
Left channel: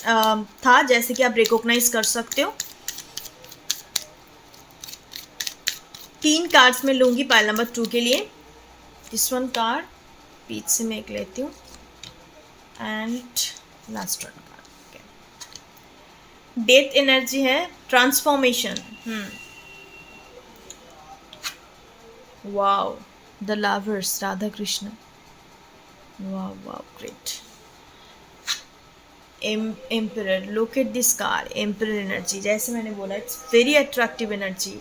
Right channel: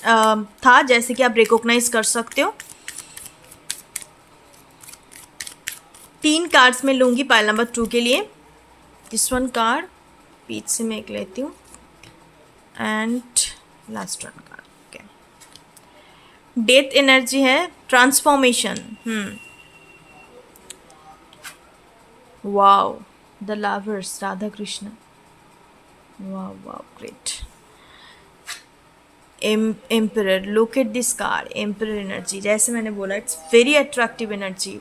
था, जैसे कि आप रिकॉग्नाइज कर सकते हो। 3 कार्ड्स में लूँगी पाइल नंबर 2 के लिए। दिस वन कार्ड बीच से मैं एक लेती हूँ and last one card. Okay, death energy है, transformation. Wow, the lovers, Radha Krishna, wow wow, great. Emperor, look at this card, emperor energy. जैसे मैंने बोला इट्स वेरी अट्रैक्टिव एनर्जी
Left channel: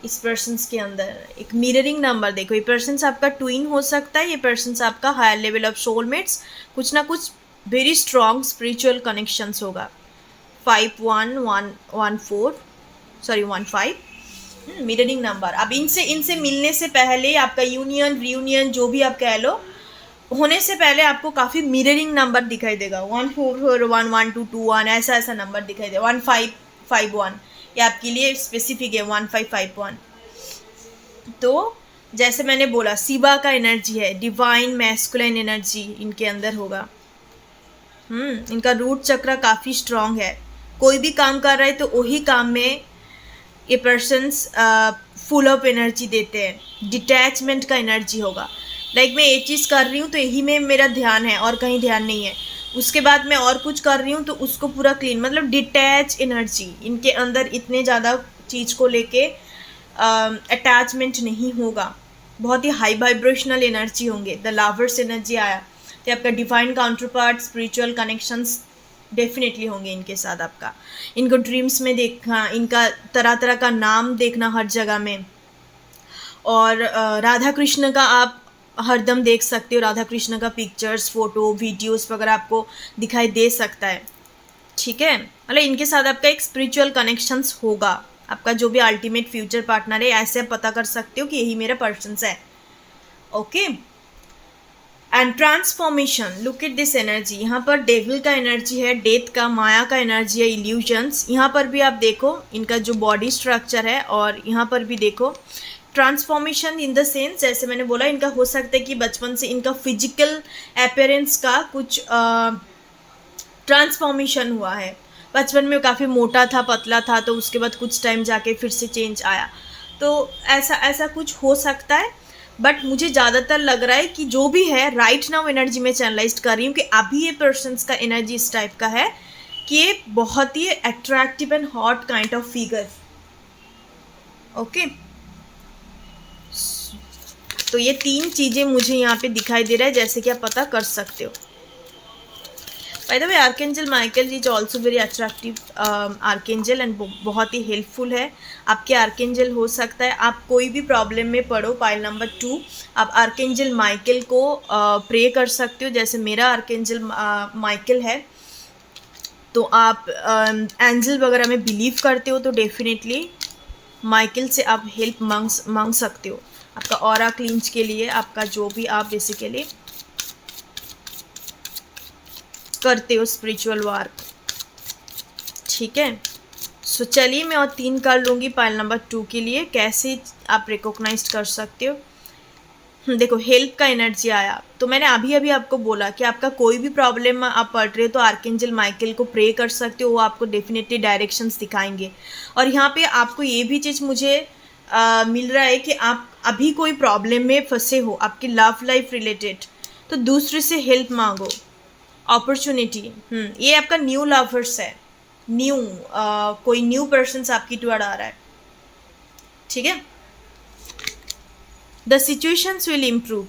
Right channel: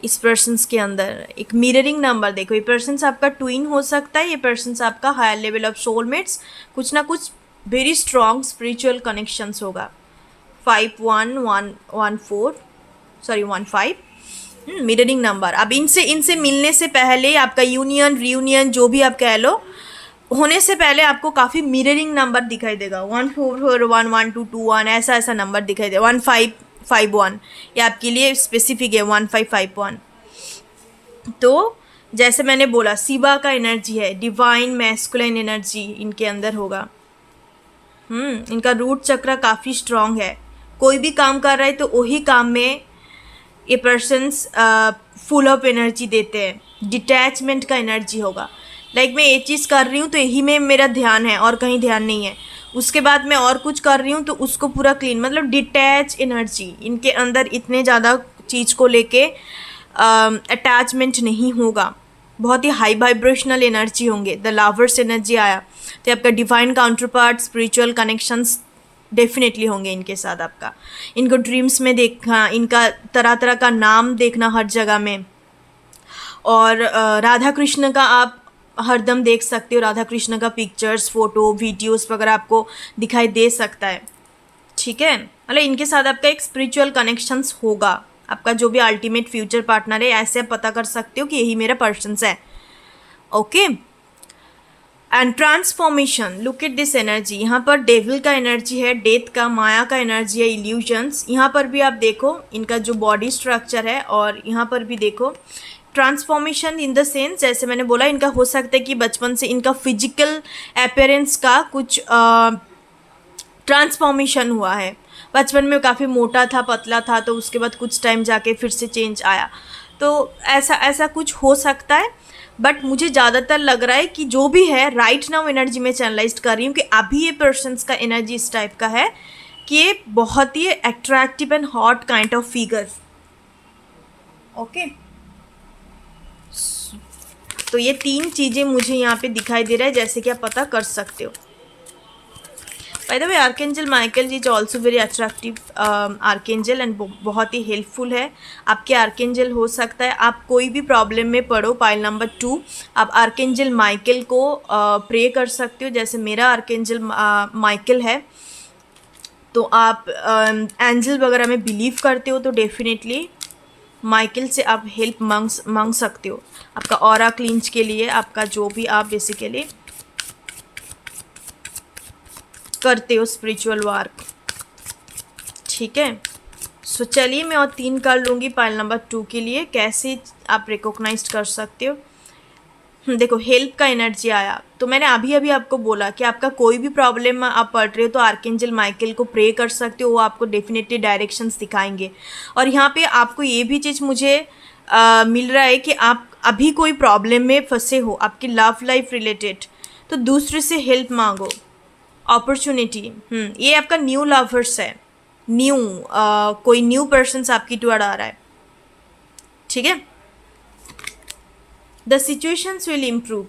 इस पर्सन्स के अंदर। एक मिररिंग नंबर देखो, ये पर्सन्स आपका ट्विन हो सकता है, ये पर्सन्स आपका हायर लेवल ऑफ सोलमेट्स, कुछ ना कुछ वेरी स्ट्रॉन्ग स्पिरिचुअल कनेक्शंस होगा। 15 मिररिंग नंबर। अब इनसे मिलने से पहले आपका यूनियन, रियूनियन, जो भी आप कह लो, होने से पहले आपको काफ़ी मिररिंग नंबर दिखाई देगा। 1441, 1221 ऐसा नंबर दिखाई देगा। 1551 ये आपके लिए स्पेसिफिक है, 1551। तो जैसे मैंने बोला शिवा का एनर्जी है, डिवाइन मैस्कुलाइन एनर्जी इनके अंदर होगा। इनका रूट चक्र काफ़ी स्ट्रॉन्ग है। कोई भी काम कर रहा है तो वही काम में ये पर्सन्स फुल ऑफ एनर्जी देते हैं। डिटैचमेंट का एनर्जी होगा, लाइक मैं ये चीज़ कर रही हूँ तो यही में मेरा ध्यान है और कहीं ध्यान नहीं है। उसके बाद मैं और कुछ कर रही हूँ तो उसको पूरा क्लीन, मतलब डिटैच एनर्जी इनके अंदर, इतने ज़्यादा चीज़ को लेके अटैचमेंट नहीं होगा। बहुत ही हाई वाइब्रेशनल एनर्जी होंगे। द लवर्स एनर्जी आया तो आपका divine counter part, spiritual connections definitely होंगे इनके साथ आपका। इनको ड्रीम्स में देखना, इनका तरह तरह का नाम देखना हर जगह में, और राधा कृष्ण का आप हरदम देख सकते हो, राधा कृष्ण का पिक्चर्स, फोटो, वीडियोस वगैरह आपको दिखाई दे सकता है। ठीक है, मतलब इनके साथ आपका एक स्पिरिचुअल कनेक्शंस होगा। आपका जो भी अल्टीमेट फ्यूचर पार्टनर है, ऐसे आप पता कर सकते हो कि यही मेरा पर्सन्स है। Okay, and transformation, look at this energy. यहाँ पर डेविल का एनर्जी है, डेथ का, माया का एनर्जी है, इल्यूजन्स। यहाँ पर भी आप देखो इनका जो बॉडी स्ट्रक्चर है, और यहाँ पर भी देखो ट्रांसफॉर्मेशन इन द सेंस, जैसे मैंने बोला इनका हो सकता है कि बचपन से इनका फिजिकल अपीयरेंस का कुछ ट्रांसफॉर्मेशन हुआ है। बचपन में काफ़ी मोटा था, पतला था, तो उसके बाद कुछ टाइम जाके फिर से चेंज आया, तो ऐसा कुछ हो सकता है। बट मुझे ज़्यादातर लग रहा है कि जो भी है राइट नाउ एनर्जी में चैनलाइज कर रही हूँ कि अभी ये पर्सन्स का एनर्जी इस टाइप का है कि ये बहुत ही attractive and hot kind of figure. Okay, तो ये 3 चीज़ें मुझे यहाँ पे दिखाई दे रहा है, जैसे कि आप पता कर सकते हो। By the way, archangel Michael is also very attractive archangel and बहुत ही हेल्पफुल है। आपके आर्केंजल हो सकता है आप कोई भी प्रॉब्लम में पढ़ो, पाइल नंबर 2 आप आर्केंजल माइकल को प्रे कर सकते हो। जैसे मेरा आर्केंजल माइकल है, तो आप एंजल वगैरह में बिलीव करते हो, तो डेफिनेटली माइकल से आप हेल्प मांग सकते हो आपका ऑरा क्लींच के लिए, आपका जो भी आप बेसिकली करते हो स्पिरिचुअल वर्क। ठीक है, सो चलिए मैं और 3 कर लूँगी पाइल नंबर 2 के लिए, कैसे आप रिकॉग्नाइज कर सकते हो। देखो हेल्प का एनर्जी आया, तो मैंने अभी आपको बोला कि आपका कोई भी प्रॉब्लम आप पढ़ रहे हो तो आर्केंजल माइकल को प्रे कर सकते हो, वो आपको डेफिनेटली डायरेक्शंस दिखाएंगे। और यहाँ पे आपको ये भी चीज़ मुझे मिल रहा है कि आप अभी कोई प्रॉब्लम में फंसे हो आपकी लव लाइफ रिलेटेड, तो दूसरे से हेल्प मांगो, अपॉर्चुनिटी। ये आपका न्यू लवर्स है, न्यू कोई न्यू पर्सन आपकी टुवर्ड आ रहा है। ठीक है, द सिचुएशंस विल इम्प्रूव।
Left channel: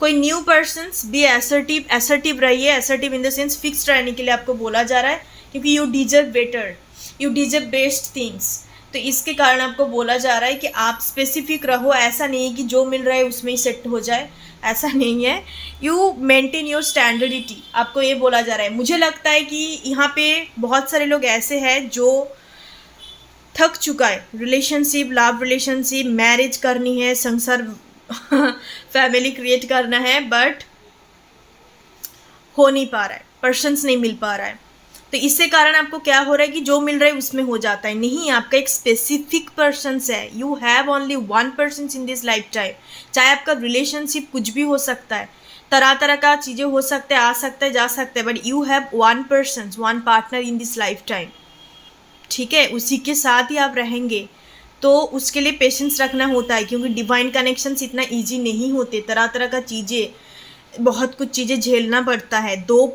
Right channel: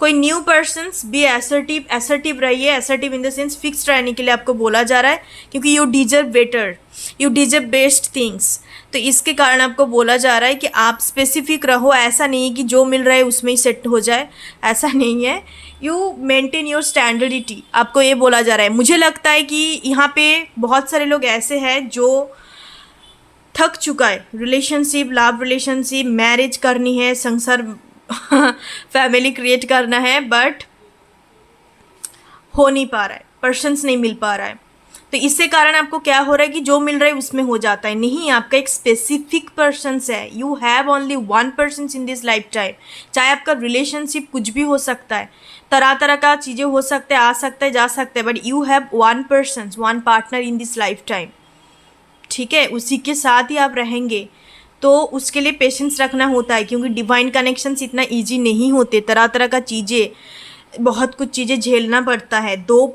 कोई न्यू पर्सन्स भी असर्टिव रहिए, assertive in the sense fix रहने के लिए आपको बोला जा रहा है, क्योंकि you deserve better, you deserve best things. तो इसके कारण आपको बोला जा रहा है कि आप स्पेसिफिक रहो, ऐसा नहीं है कि जो मिल रहा है उसमें ही सेट हो जाए, ऐसा नहीं है। यू मेंटेन योर स्टैंडर्डिटी, आपको ये बोला जा रहा है। मुझे लगता है कि यहाँ पे बहुत सारे लोग ऐसे हैं जो थक चुका है, रिलेशनशिप, लव रिलेशनशिप, मैरिज करनी है, संसार फैमिली क्रिएट करना है, बट हो नहीं पा रहा है, पर्सन्स नहीं मिल पा रहा है। तो इससे कारण आपको क्या हो रहा है कि जो मिल रहा है उसमें हो जाता है। नहीं, आपका एक स्पेसिफिक पर्सन्स है, you have only 1 person in this life time. चाहे आपका रिलेशनशिप कुछ भी हो सकता है, तरह तरह का चीज़ें हो सकते हैं, आ सकता है, जा सकता है, but you have 1 person, 1 partner in this life time. ठीक है, उसी के साथ ही आप रहेंगे, तो उसके लिए पेशेंस रखना होता है, क्योंकि डिवाइन कनेक्शंस इतना इजी नहीं होते, तरह तरह का चीज़ें, बहुत कुछ चीज़ें झेलना पड़ता है। 2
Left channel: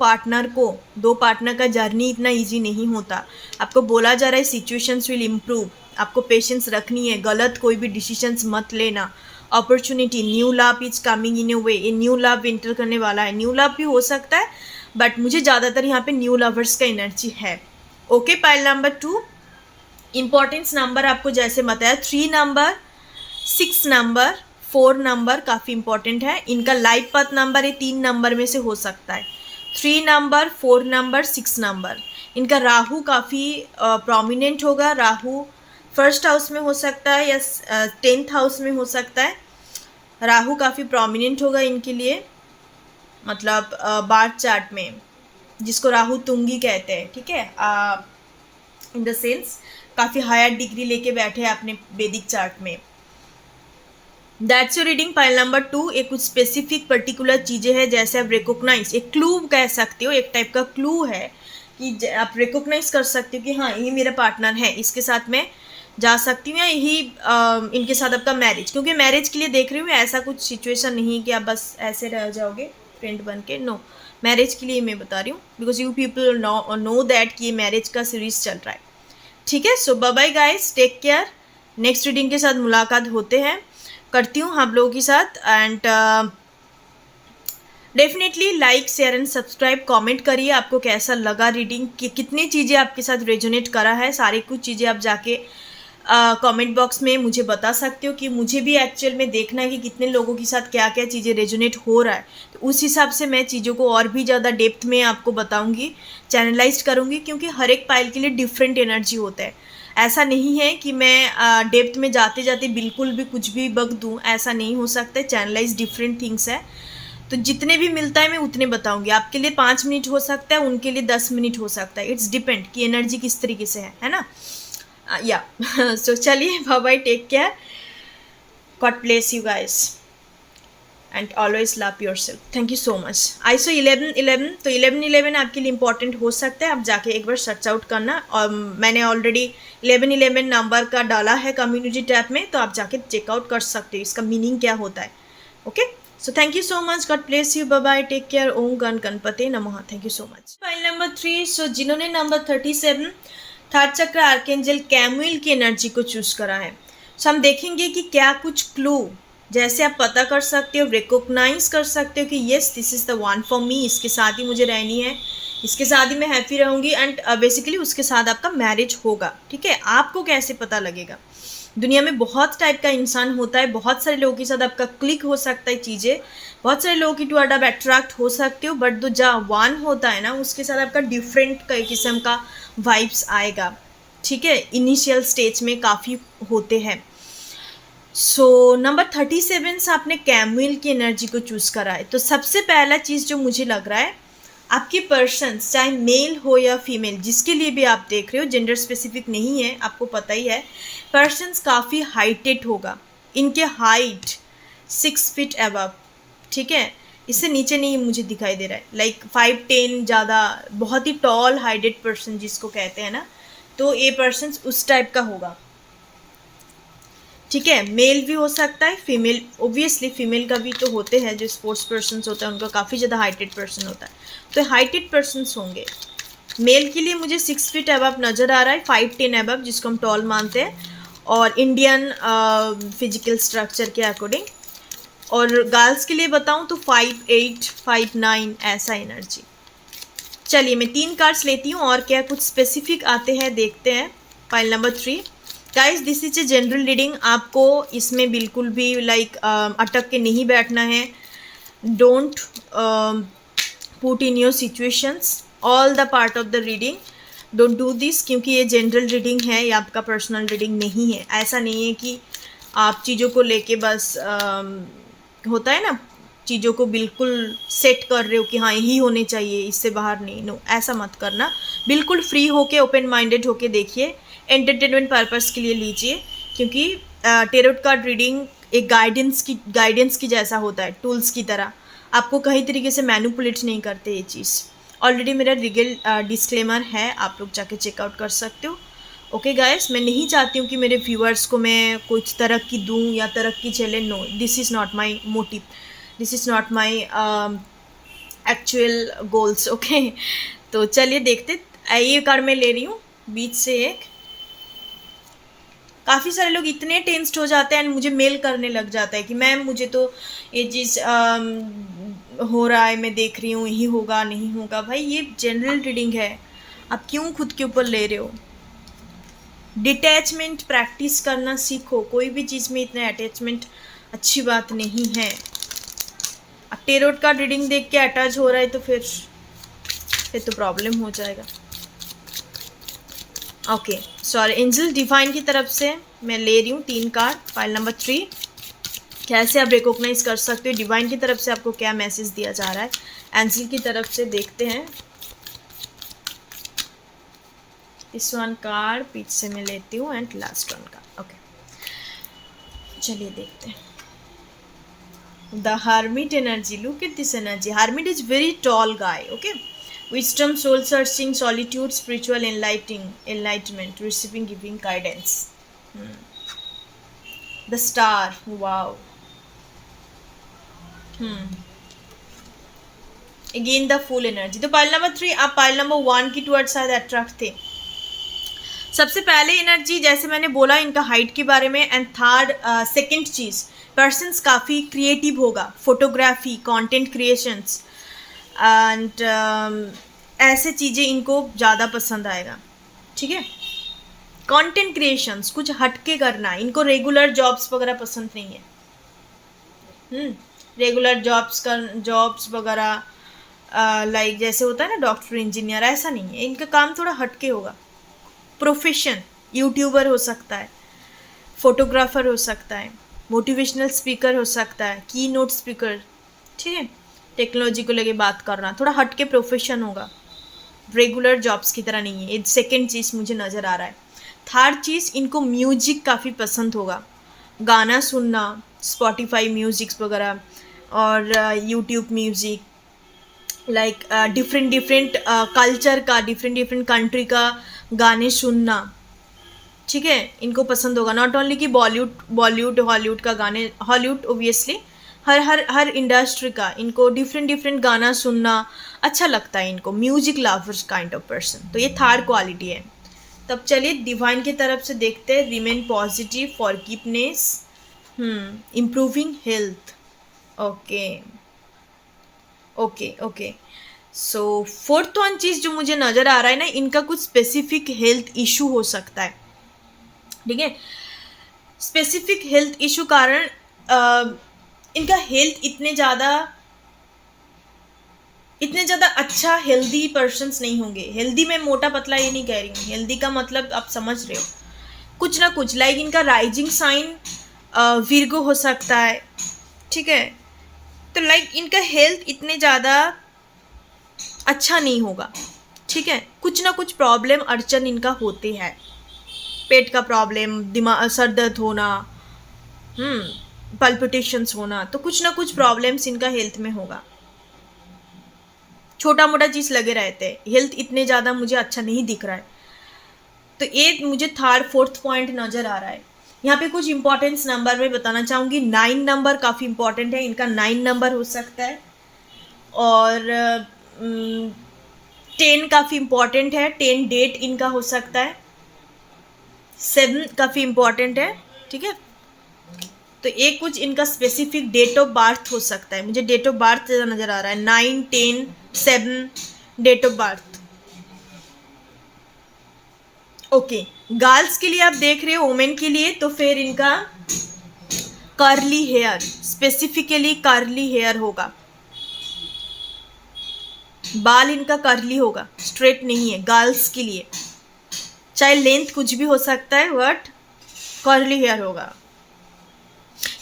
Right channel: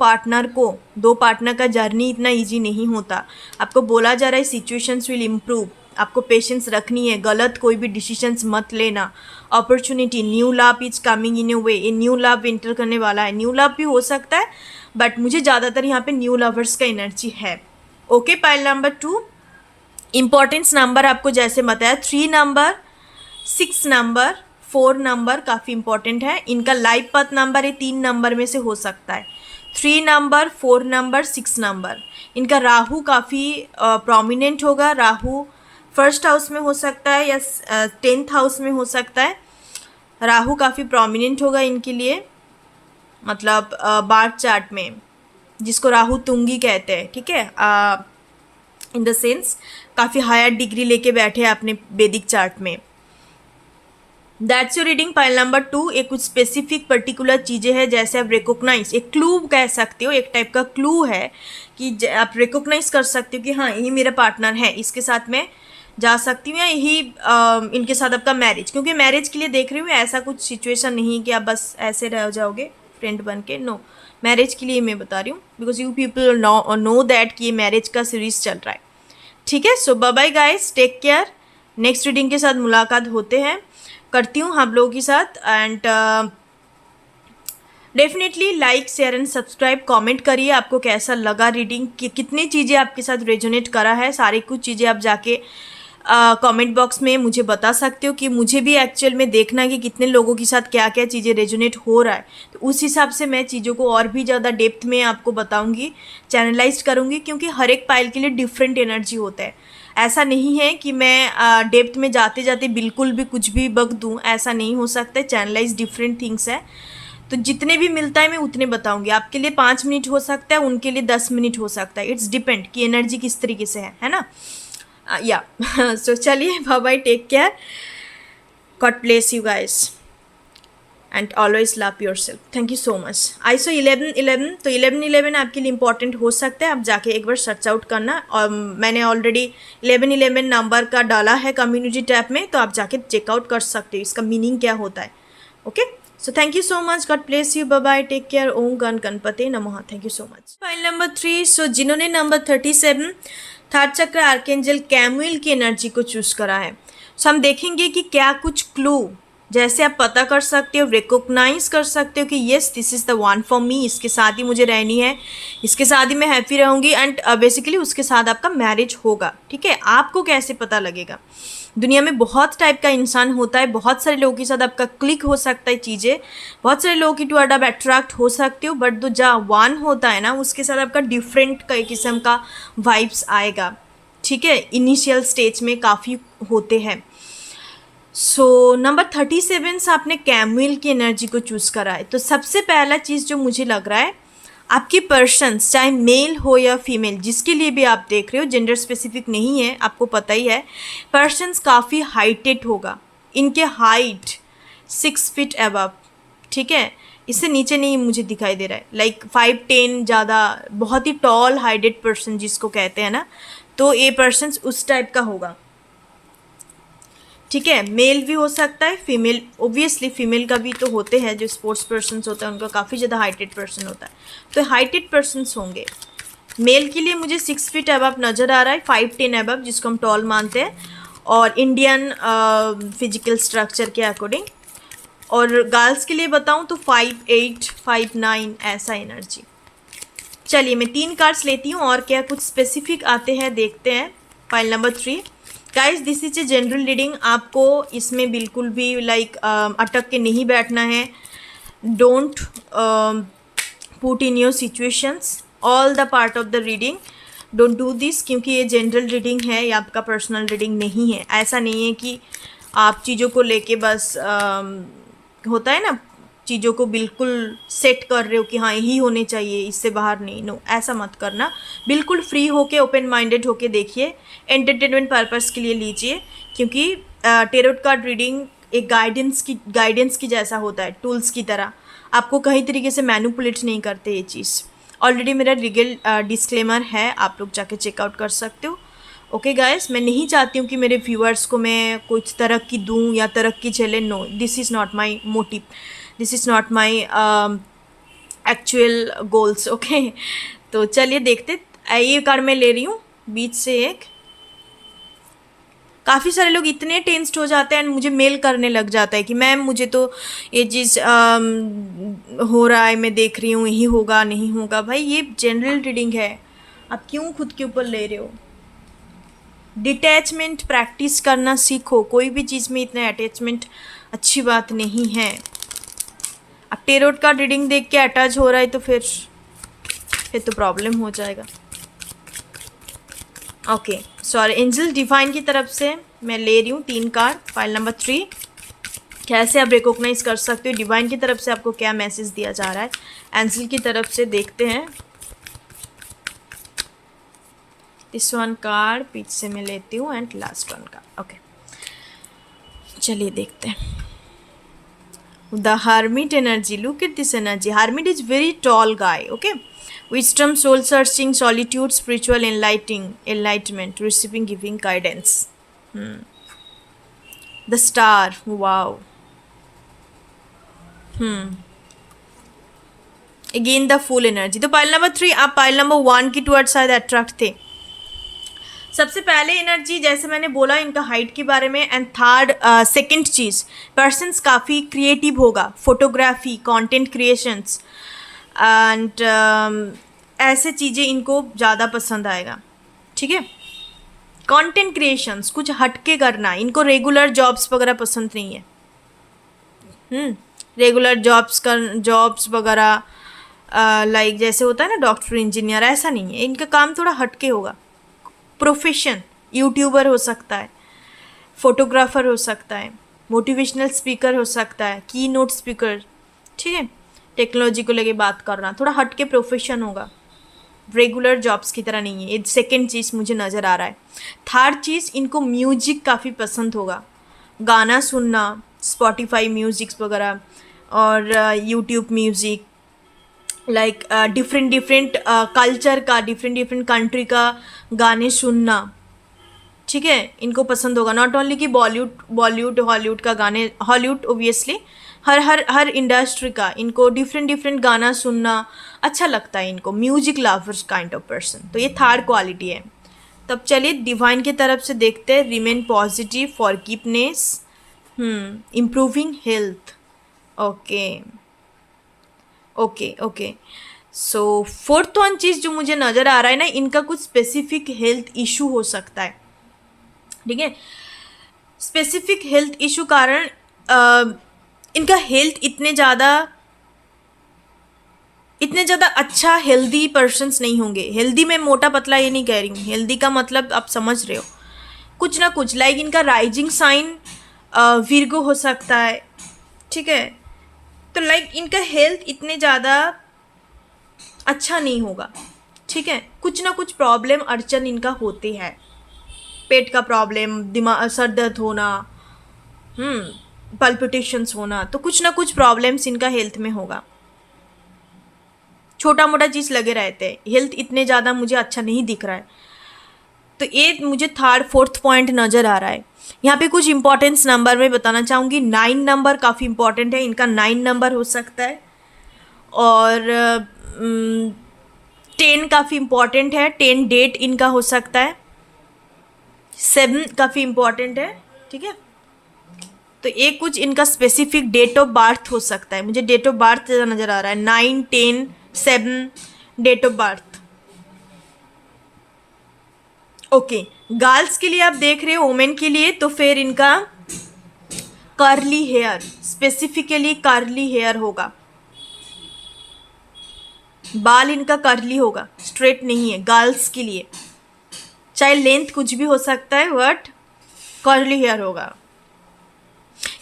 पार्टनर का जर्नी इतना इजी नहीं होता। आपको बोला जा रहा है सिचुएशंस विल इम्प्रूव, आपको पेशेंस रखनी है, गलत कोई भी डिसीजंस मत लेना। Opportunity, new love is coming in a way, ये न्यू लव एंटर करने वाला है। न्यू लव भी हो सकता है, बट मुझे ज़्यादातर यहाँ पे न्यू लवर्स का एनर्जी है। Okay, pile number 2, importance number आपको जैसे बताया 3 नंबर, 6 नंबर, 4 नंबर काफ़ी इंपॉर्टेंट है। इनका लाइफ पाथ नंबर ये 3 नंबर में से हो सकता है, 3 नंबर, 4 नंबर, 6 नंबर। इनका राहु काफ़ी प्रोमिनेंट होगा, राहु 1st हाउस में हो सकता है या 10th हाउस में हो सकता है। राहु काफ़ी प्रोमिनेंट होगा इनके लिए, मतलब बार्थ चार्ट में, जिसको राहु तुंगी कहते हैं। ठीक है, इन द सेंस काफ़ी हायर डिग्री लेके बैठे हैं अपने वैदिक चार्ट में। That's your reading pile number 2। एक कुछ स्पेसिफिक पर्टिकुलर चीज़ें हैं, जैसे आप रिकॉग्नाइज, एक क्लू कह सकते हो, एक टाइप का क्लू है कि आप रिकॉग्नाइज कर सकते हो कि हाँ यही मेरा पार्टनर है, इसके साथ मैं जा सकती हूँ, या यही इनके साथ आपका मैरिज, क्योंकि मैरिज के लिए देख रही हूँ, ऐसा कुछ सिचुएशन नहीं कि आप बस ऐसे रह जाओगे फ्रेंड बन के, नो, मैरिज के लिए मैं बता रही हूँ, because you people know that कि ये मैरिज का सीरीज चल रहा है। ठीक है, so bye bye guys, take care. Next reading के साथ मुलाकात होते हैं, करती हूँ हम लोगों के साथ, and definitely like share and subscribe, comment करिए आपको कैसा लगा रीडिंग, कितनी चीज़ें आपके साथ रेजोनेट करा है, सारी कुछ चीज़ें आप जाके कमेंट बॉक्स में मुझे बता सकते हो कि मुझे भी एक्चुअल में देखना है कि कितने लोगों के साथ क्या क्या चीज़ें रेजोनेट हो रहा है। तो उस हिसाब से मैं चीज़ों को और भी ज़्यादा डेप्थ में आपको बताऊंगी, चैनलाइज करूंगी, क्योंकि हर एक पाइल के लिए डिफरेंट एनर्जी होता है। ऐसा नहीं है कि मैं डेप्थ में जाते जाते बिल्कुल भी कुछ भी बक दूँ, ऐसा नहीं हो सकता। चैनलाइज डिफरेंट थिंग्स है, तो जितने भी मिलता है मैं उतने बताऊंगी। आपके लिए 5 मिनट हो सकता है, उनके लिए 10 मिनट हो सकता है। इट्स डिपेंड कि एनर्जी किस तरीके से है ना। या सो चलिए, bye bye, take care, God bless you guys and always love yourself. Thank you so much. आईसो 11-11, तो 11-11 आपके लिए इंपॉर्टेंट हो सकता है, आप जाके एक बार सर्च आउट करना। और मैंने ऑलरेडी 11-11 नंबर का डाला है कम्युनिटी टैब में, तो आप जाके चेकआउट कर सकते हो इसका मीनिंग क्या होता है। Okay, so thank you so much, god bless you, bye bye, take care, ओम गण गणपते नमः। Thank you so much. File number 3, so जिन्होंने number 37 third chakra archangel Camael की एनर्जी को चूज करा है, सो हम देखेंगे कि क्या कुछ क्लू जैसे आप पता कर सकते हो, रिकॉग्नाइज कर सकते हो कि yes this is the one for मी, इसके साथ ही मुझे रहनी है, इसके साथ ही मैं हैप्पी रहूँगी, एंड बेसिकली उसके साथ आपका मैरिज होगा। ठीक है, आपको कैसे पता लगेगा? दुनिया में बहुत टाइप का इंसान होता है, बहुत सारे लोगों के साथ आपका क्लिक हो सकता है चीज़ें, बहुत सारे लोगों की टुवर्ड आप अट्रैक्ट हो सकते हो, बट जो जहाँ वन होता है ना, उसके साथ आपका डिफरेंट किस्म का वाइब्स आएगा। ठीक है, इनिशियल स्टेज में काफ़ी होते हैं। सो नंबर 37 से आपने कैमुएल की एनर्जी को चूज़ करा है। तो सबसे पहला चीज़ जो मुझे लग रहा है, आपके पर्सन्स चाहे मेल हो या फीमेल, जिसके लिए भी आप देख रहे हो, जेंडर स्पेसिफिक नहीं है, आपको पता ही है, पर्सन्स काफ़ी हाइटेड होगा। इनके हाइट 6 फीट अबव, ठीक है, इससे नीचे नहीं मुझे दिखाई दे रहा है, लाइक 5'10", ज़्यादा बहुत ही टॉल हाइटेड पर्सन जिसको कहते हैं ना, तो ये पर्सन्स उस टाइप का होगा। ठीक है, मेल भी हो सकता है, फीमेल, ओब्वियसली फीमेल का भी तो होते हैं, जो स्पोर्ट्स पर्सन्स होता है उनका काफ़ी ज़्यादा हाइटेड पर्सन होता है, तो हाइटेड पर्सन्स होंगे। मेल के लिए मुझे 6 फीट अबव नज़र आ रहा है, 5'10" अबव, जिसको हम टॉल मानते हैं, और इंडियन फिजिकल स्ट्रक्चर के अकॉर्डिंग। और गर्ल्स के लिए बताऊं तो 5'8", 5'9", ऐसा एनर्जी। चलिए मैं 3 कार्ड्स लेती हूँ, और क्या कुछ स्पेसिफिक आते हैं देखते हैं। File number 3 guys, this is a general reading, आपको इसमें बिल्कुल भी अटक के नहीं बैठना है। Don't put in your situations all the part of the reading, don't do this, क्योंकि ये जनरल रीडिंग है, ये आपका पर्सनल रीडिंग नहीं है। ऐसा नहीं है कि आप चीज़ों को लेके बस होता है ना, चीज़ों को बिल्कुल सेट कर रहे हो कि हाँ यही होने चाहिए, इससे बाहर नहीं, नो, ऐसा मत करना। बिल्कुल फ्री होके, ओपन माइंडेड होके देखिए, एंटरटेनमेंट पर्पस के लिए लीजिए, क्योंकि टेरोट कार्ड रीडिंग एक गाइडेंस की जैसा होता है, टूल्स की तरह। आपको कई तरीके से मैनिपुलेट नहीं करते ये चीज़। ऑलरेडी मेरा लीगल डिस्क्लेमर है, आप लोग जाके चेकआउट कर सकते हो। ओके गाइस, मैं नहीं चाहती हूँ कि मेरे व्यूअर्स को मैं कुछ तरक्की दूँ या तरक्की चले, no, this is not my motive, this is not my actual goals. Okay, तो चलिए देखते। ये कार्ड मैं ले रही हूँ बीच से एक। काफ़ी सारे लोग इतने टेंस्ड हो जाते हैं एंड मुझे मेल करने लग जाता है कि मैम मुझे तो ये चीज़ हो रहा है, मैं देख रही हूँ, यही होगा नहीं होगा। भाई ये जनरल रीडिंग है, आप क्यों खुद के ऊपर ले रहे हो? डिटैचमेंट प्रैक्टिस करना सीखो, कोई भी चीज़ में इतने अटैचमेंट अच्छी बात नहीं है। अब टेरोट का रीडिंग देख के अटैच हो रहा है तो फिर तो प्रॉब्लम हो जाएगा। ओके, सॉरी, एंजल डिवाइन की तरफ से मैं ले रही हूँ 3 कार्ड। फाइल नंबर 3, कैसे आप रिकॉग्नाइज कर सकते हो डिवाइन की तरफ से आपको क्या मैसेज दिया जा रहा है एंजल की तरफ से, देखते हैं। इस 1 कार्ड पीछे से मैं लेती हूँ एंड लास्ट 1 कार्ड। ओके, चलिए देखते हैं। The hermit energy, look at this energy. Hermit is very tall guy, okay, wisdom, soul searching, solitude, spiritual enlightenment, receiving, giving guidance. The star, wow. Again the full energy. तो pile number 3, आप pile number 1 की toward शायद attract थे। सबसे पहले energy जैसे मैंने बोला इनका हाइट के बारे में, and third second cheese, persons काफ़ी क्रिएटिव होगा, फोटोग्राफी, कंटेंट क्रिएशंस, एंड ऐसे चीज़ें इनको ज़्यादा पसंद आएगा, ठीक है। कंटेंट क्रिएशंस, कुछ हटके करना, इनको रेगुलर जॉब्स वगैरह पसंद नहीं है। रेगुलर जॉब्स वगैरह लाइक जैसे होता है ना डॉक्टर इंजीनियर, ऐसा नहीं है, इनका काम थोड़ा हटके होगा। प्रोफेशन, यूट्यूबर हो सकता है, फोटोग्राफर हो सकता है, मोटिवेशनल स्पीकर हो सकता है, की नोट स्पीकर, ठीक है। टेक्नोलॉजी को लेके बात करना, थोड़ा हटके प्रोफेशन होगा, रेगुलर जॉब्स की तरह नहीं है। ये सेकेंड चीज़ मुझे नज़र आ रहा है। थर्ड चीज़, इनको म्यूजिक काफ़ी पसंद होगा, गाना सुनना, स्पॉटिफाई म्यूजिक्स वगैरह और YouTube music, like different culture का, डिफरेंट कंट्री का गाने सुनना, ठीक है, इनको पसंद होगा। नॉट ओनली कि बॉलीवुड हॉलीवुड का गाने, हॉलीवुड ओबियसली, हर इंडस्ट्री का इनको डिफरेंट गाना सुनना अच्छा लगता है इनको। Music lovers kind of person, तो ये थर्ड क्वालिटी है। तब चलिए डिवाइन की तरफ से देखते हैं। Remain positive, forgiveness, improving health, okay okay okay. So fourth one चीज़ जो मुझे नज़र आ रहा है ना, इनका कुछ स्पेसिफिक हेल्थ इशू हो सकता है, ठीक है। स्पेसिफिक हेल्थ इशू कारण इनका हेल्थ इतने ज़्यादा अच्छा हेल्दी पर्सन्स नहीं होंगे। हेल्दी में मोटा पतला ये नहीं कह रही हूँ, हेल्दी का मतलब आप समझ रहे हो, कुछ ना कुछ लाइक इनका राइजिंग साइन विर्गो हो सकता है, ठीक है। तो लाइक इनका हेल्थ इतने ज़्यादा अच्छा नहीं होगा, ठीक है। कुछ ना कुछ प्रॉब्लम अड़चन इनका होते हैं, पेट का प्रॉब्लम, दिमाग, सर दर्द होना, पल्पिटेशंस होना, तो कुछ ना कुछ प्रॉब्लम्स इनका हेल्थ में होगा। छोटा मोटा चीज़ लगे रहते हैं, हेल्थ इतने ज़्यादा मुझे अच्छा नहीं दिख रहा है। तो ये मुझे फोर्थ पॉइंट नज़र आ रहा है। यहाँ पे कुछ इंपॉर्टेंस नंबर में बताना चाहूँगी। 9 नंबर काफ़ी इंपॉर्टेंट है, इनका 9 नंबर हो सकता है, और 10 काफ़ी इंपॉर्टेंट है, 10 डेट इनका हो सकता है, 7 काफ़ी इंपॉर्टेंट है, ठीक है। तो ये कुछ इनका स्पेसिफिक डेट ऑफ बर्थ हो सकता है, मुझे डेट ऑफ बर्थ नज़र आ रहा है, 9, 10, 7 date of birth, okay. Girls के लिए आप देख रहे हो, वोमेन के लिए तो फिर इनका curly hair, specifically curly hair होगा, बाल इनका कर्ली होगा, स्ट्रेट नहीं है गर्ल्स के लिए, चाहे लेंथ कुछ भी हो सकता है, बट कर्ली हेयर होगा।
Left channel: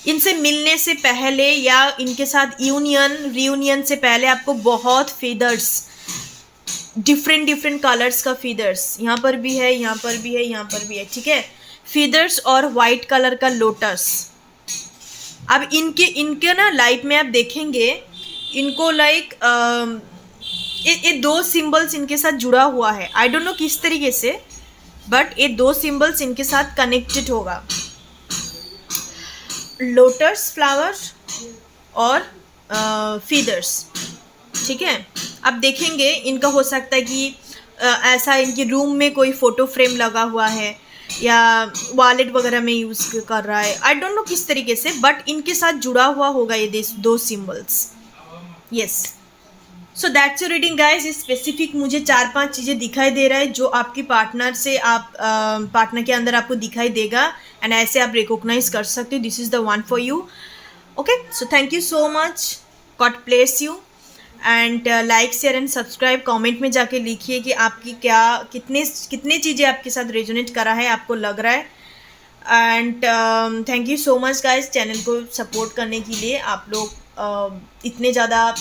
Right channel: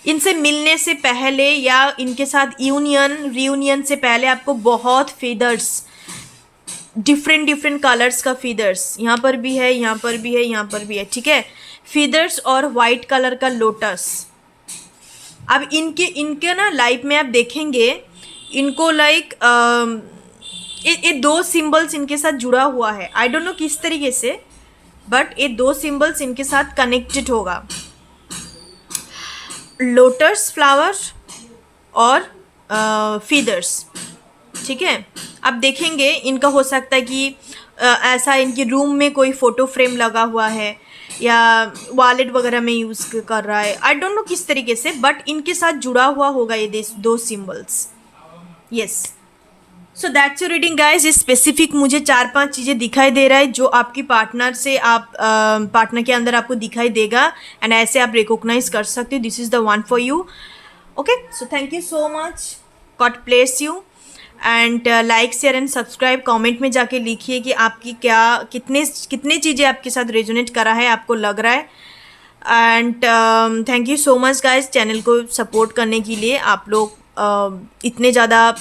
इनसे मिलने से पहले या इनके साथ रियूनियन से पहले आपको बहुत फेदर्स, डिफरेंट कलर्स का फीदर्स, यहाँ पर भी है, यहाँ पर भी है, यहाँ पर भी है, ठीक है। फीदर्स और वाइट कलर का लोटस। अब इनके ना लाइफ में आप देखेंगे, इनको लाइक ये 2 सिंबल्स इनके साथ जुड़ा हुआ है, आई डोंट नो किस तरीके से, बट ये 2 सिंबल्स इनके साथ कनेक्टेड होगा, लोटस फ्लावर और फीदर्स, ठीक है। अब देखेंगे इनका हो सकता है कि ऐसा इनके रूम में कोई फ़ोटो फ्रेम लगा हुआ है या वॉलेट वगैरह में यूज़ कर रहा है, आई डोंट नो किस तरीके से, बट इनके साथ जुड़ा हुआ होगा ये 2 symbols, yes. So that's your reading guys. इस स्पेसिफिक मुझे 4-5 चीज़ें दिखाई दे रहा है जो आपकी पार्टनर से पार्टनर के अंदर आपको दिखाई देगा, एंड ऐसे आप रिकॉग्नाइज कर सकते हो, this is the one for you, okay. So thank you so much, god bless you, and like share and subscribe. Comment में जाके लिखिए कि आपकी कितने चीज़ें आपके साथ रेजोनेट करा है, आपको लग रहा है, and thank you so much guys channel को सपोर्ट करने के लिए। आप लोग इतने ज़्यादा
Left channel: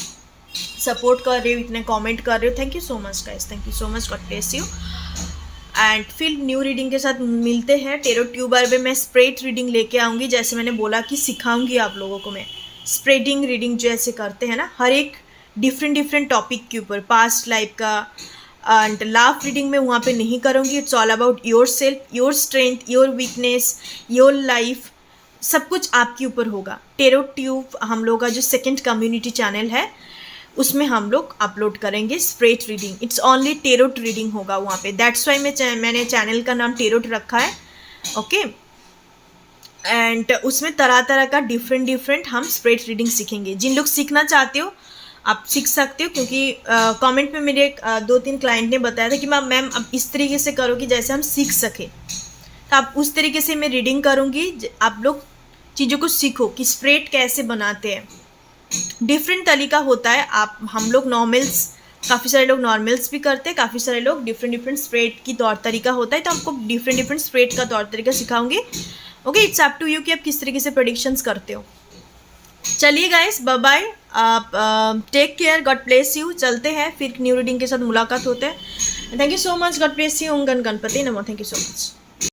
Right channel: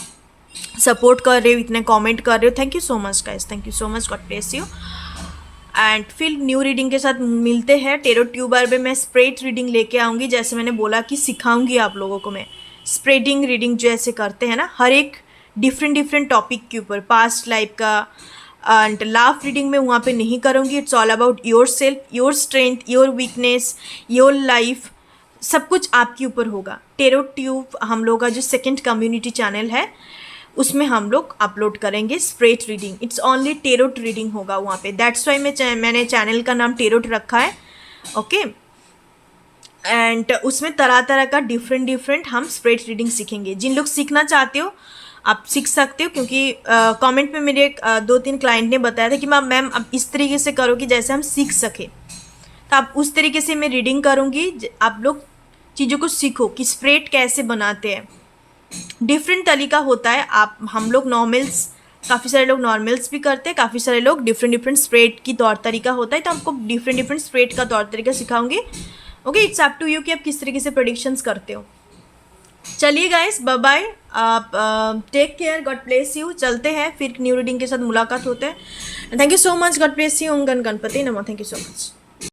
सपोर्ट कर रहे हो, इतने कमेंट कर रहे हो, thank you so much guys, thank you so much, god bless you. And फिर न्यू रीडिंग के साथ मिलते हैं। टेरो ट्यूबर में मैं स्प्रेड रीडिंग लेके आऊँगी, जैसे मैंने बोला कि सिखाऊंगी आप लोगों को मैं स्प्रेडिंग रीडिंग जैसे करते हैं ना, हर एक डिफरेंट टॉपिक के ऊपर, पास्ट लाइफ का, एंड लाफ रीडिंग में वहाँ पे नहीं करूँगी। It's all about your self, your strength, your weakness, your life, सब कुछ आपके ऊपर होगा। टेरो ट्यूब हम लोग का जो सेकेंड कम्युनिटी चैनल है उसमें हम लोग अपलोड करेंगे spread reading, it's only tarot reading होगा वहाँ पे, दैट्स वाई मैंने चैनल का नाम टेरोट रखा है, ओके। एंड उसमें तरह तरह का डिफरेंट हम स्प्रेड रीडिंग सीखेंगे। जिन लोग सीखना चाहते हो आप सीख सकते हो, क्योंकि कमेंट में मेरे 2-3 क्लाइंट ने बताया था कि मैम अब इस तरीके से करो कि जैसे हम सीख सकें। तो आप उस तरीके से मैं रीडिंग करूँगी, आप लोग चीज़ों को सीखो कि स्प्रेड कैसे बनाते हैं। डिफरेंट तरीका होता है। हम लोग नॉर्मल्स, काफ़ी सारे लोग नॉर्मल्स भी करते हैं, काफ़ी सारे लोग डिफरेंट स्प्रेड की तौर तरीका होता है। तो आपको डिफरेंट स्प्रेड का तौर तरीका सिखाऊंगी। Okay, it's up to you कि आप किस तरीके से प्रेडिक्शंस करते हो। चलिए गाइस, बाय बाय, आप take care, God bless you. चलते हैं फिर न्यू रीडिंग के साथ मुलाकात होते हैं। Thank you so much, god bless you. ओम गण गणपति नमः। Thank you so much.